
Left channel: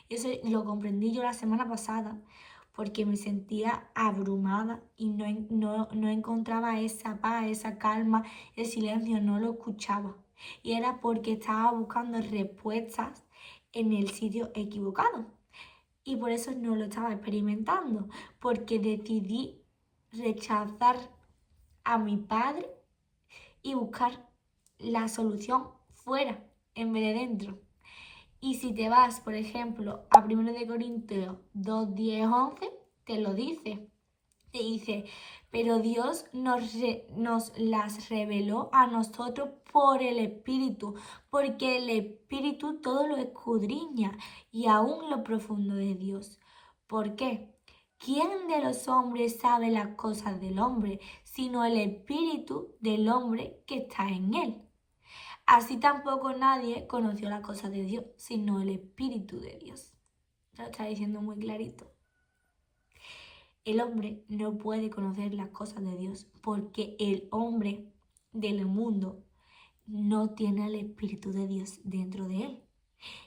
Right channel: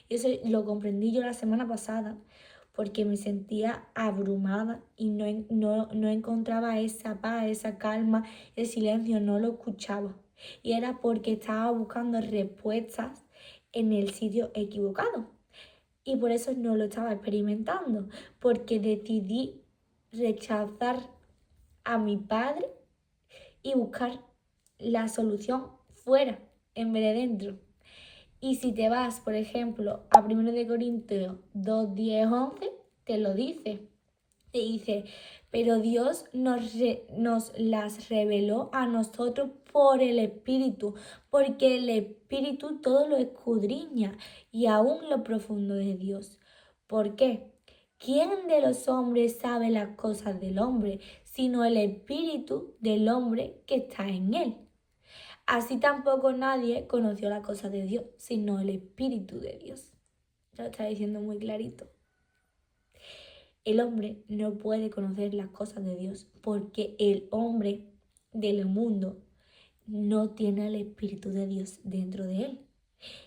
Y eso lo comprendí yo la semana pasada, porque me sentía abrumada y no encontraba esa paz, esa calma, el silencio, no lo escuchaba. Y era porque estaba buscando respuestas en el sitio equivocado. Y por eso no lo estaba experimentando, porque decidí rechazar a mi padre y buscar la solución fuera en vez de dentro. Y si te vas, por ejemplo, a 1 de Corintios 2, 10, 11, te lo dice. Te dice, pero Dios nos las reveló a nosotros por el Espíritu, porque el Espíritu todo lo escudriña y aún lo profundo de Dios. ¿Por qué? ¿Quién de los hombres sabe las cosas del hombre, sino el Espíritu del hombre que está en él? Así tampoco nadie conoció las cosas de Dios, sino el Espíritu de Dios. Lo está diciendo muy clarito. El hombre no puede conocer las cosas de Dios porque el hombre del mundo no tiene el Espíritu de Dios dentro de él.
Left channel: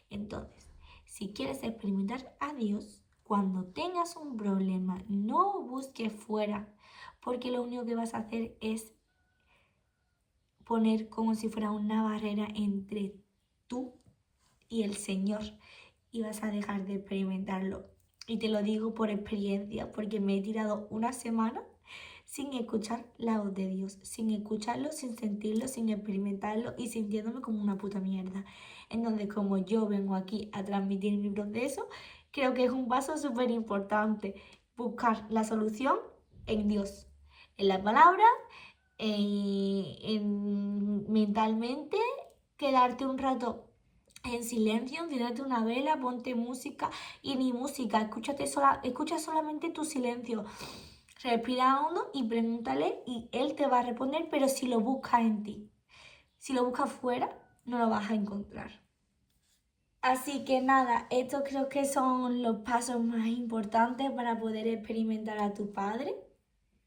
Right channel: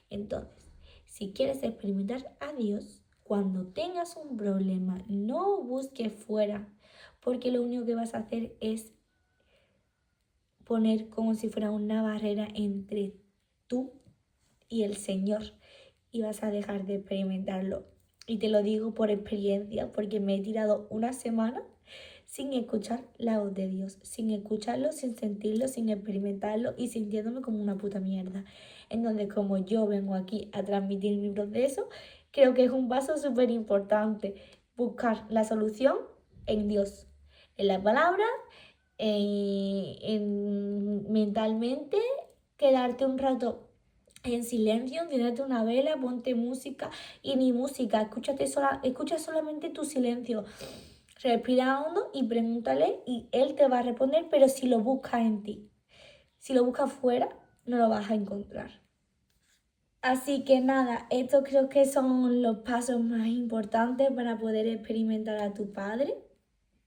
Entonces, si quieres experimentar a Dios, cuando tengas un problema, no busques fuera, porque lo único que vas a hacer es poner como si fuera una barrera entre tú y el Señor y vas a dejar de experimentarlo. Y te lo digo por experiencia, porque me he tirado una semana sin escuchar la voz de Dios, sin escucharlo, sin sentirlo, sin experimentarlo y sintiéndome como una puta mierda. Entonces, como yo vengo aquí a transmitir mi proceso, creo que es un paso súper importante buscar la solución en Dios, en la palabra, mentalmente, quedarte un rato en silencio, encenderte una vela, ponte música y ni música, escucha solamente tu silencio. Respira hondo y pregúntale y él te va a responder, pero si lo buscas en ti. Si lo buscas fuera, no lo vas a encontrar. Así que nada, estos creo que son los pasos más importantes para poder experimentar a tu padre.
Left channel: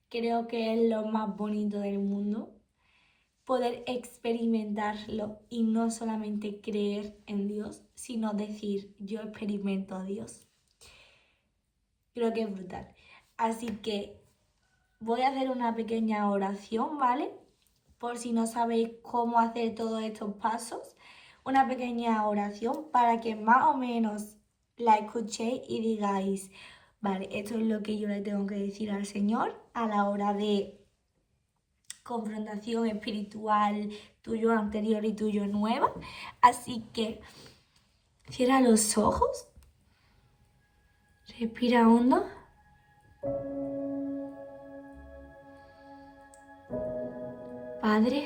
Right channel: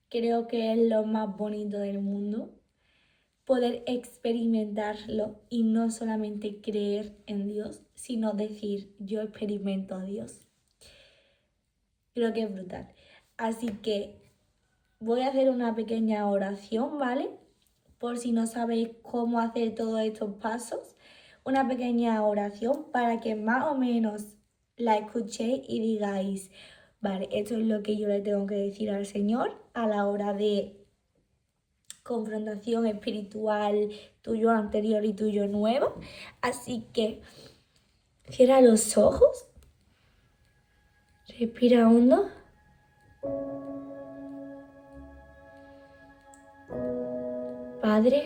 Creo que es lo más bonito del mundo. Poder experimentarlo y no solamente creer en Dios, sino decir, yo experimento a Dios. Creo que es brutal. Así que voy a hacer una pequeña oración, ¿vale? Por si no sabéis cómo hacer todos estos pasos. Una pequeña oración para que más o menos la escuchéis y digáis, vale, esto es lo que yo le tengo que decir al Señor a la hora de confrontación espiritual, tuyo anterior y tuyo nueva. Así que cierra los ojos, respira hondo. Padre,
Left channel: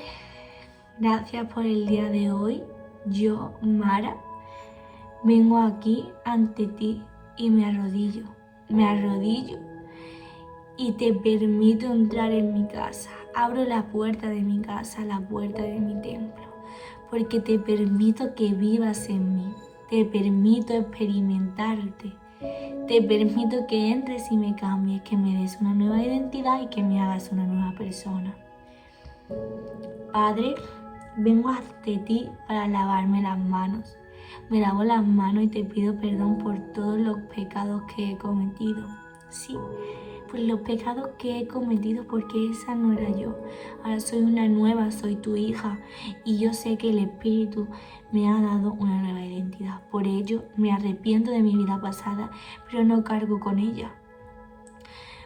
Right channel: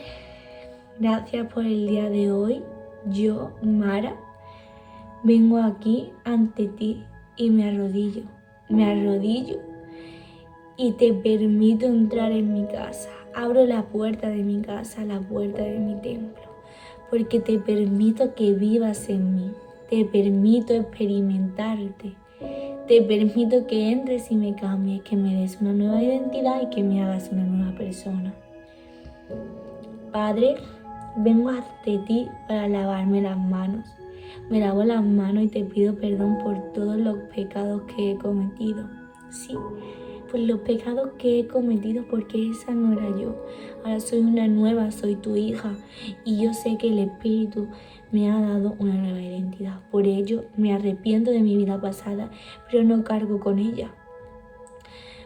gracias por el día de hoy. Yo, Mara, vengo aquí ante ti y me arrodillo y te permito entrar en mi casa. Abro la puerta de mi casa, la puerta de mi templo, porque te permito que vivas en mí, te permito experimentarte, te permito que entres y me cambies, que me des una nueva identidad y que me hagas una nueva persona. Padre, vengo ante ti para lavarme las manos. Me lavo las manos y te pido perdón por todos los pecados que he cometido. Sí, por los pecados que he cometido, porque esa no era yo. Ahora soy una nueva, soy tu hija y yo sé que el Espíritu me ha dado una nueva identidad. Por ello me arrepiento de mi vida pasada, pero no cargo con ella.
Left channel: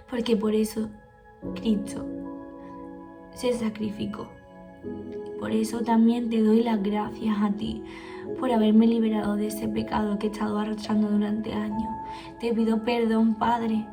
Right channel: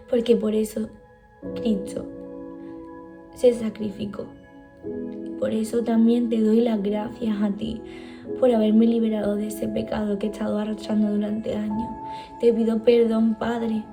Porque por eso Cristo se sacrificó. Por eso también te doy las gracias a ti por haberme liberado de ese pecado que he estado arrastrando durante años. Te pido perdón, Padre,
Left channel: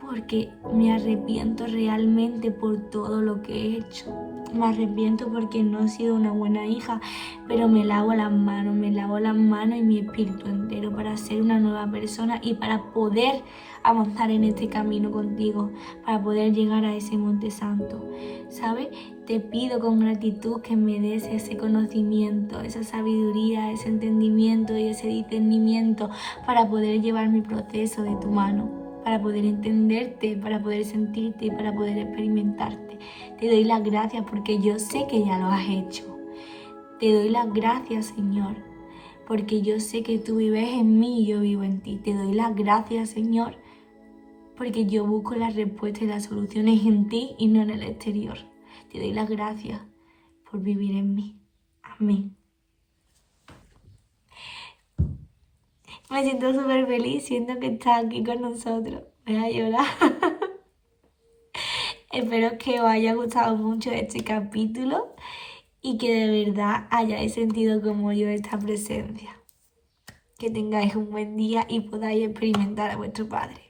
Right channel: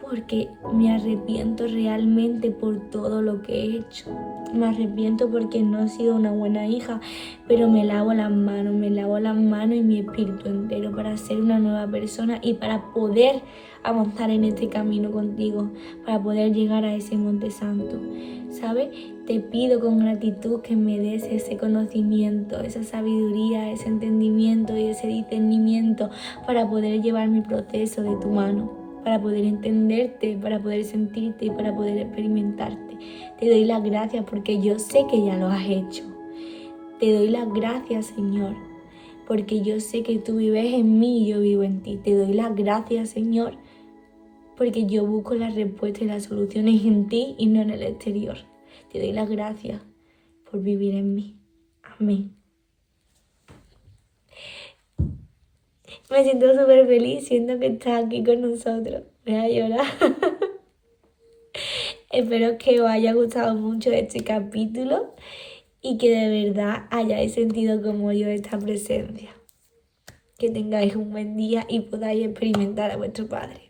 porque me arrepiento realmente por todo lo que he hecho. Me arrepiento porque no he sido una buena hija, pero me lavo las manos y mi espíritu entero para ser una nueva persona y para poder avanzar en este camino contigo, para poder llegar a ese monte santo. ¿Sabes? Te pido con gratitud que me des ese conocimiento, esa sabiduría, ese entendimiento y ese discernimiento para poder llevar mi proceso de tu mano. para poder entenderte, para poder sentirte y para poder experimentarte. Te doy las gracias porque yo sé que ya lo has hecho. Te doy las gracias, Señor, porque yo sé que tú vives en mí y yo vivo en ti. Te doy las gracias, Señor, porque yo busco las respuestas y las soluciones en ti y no en el exterior. Te doy las gracias por vivir en mí. Amén. Me siento súper feliz, siento que estás aquí con nosotros. Voy a llorar. Espero que os haya gustado mucho este capítulo y que de verdad hayáis sentido como yo esta presencia. Que tengáis un buen día y podáis experimentar a vuestro Padre.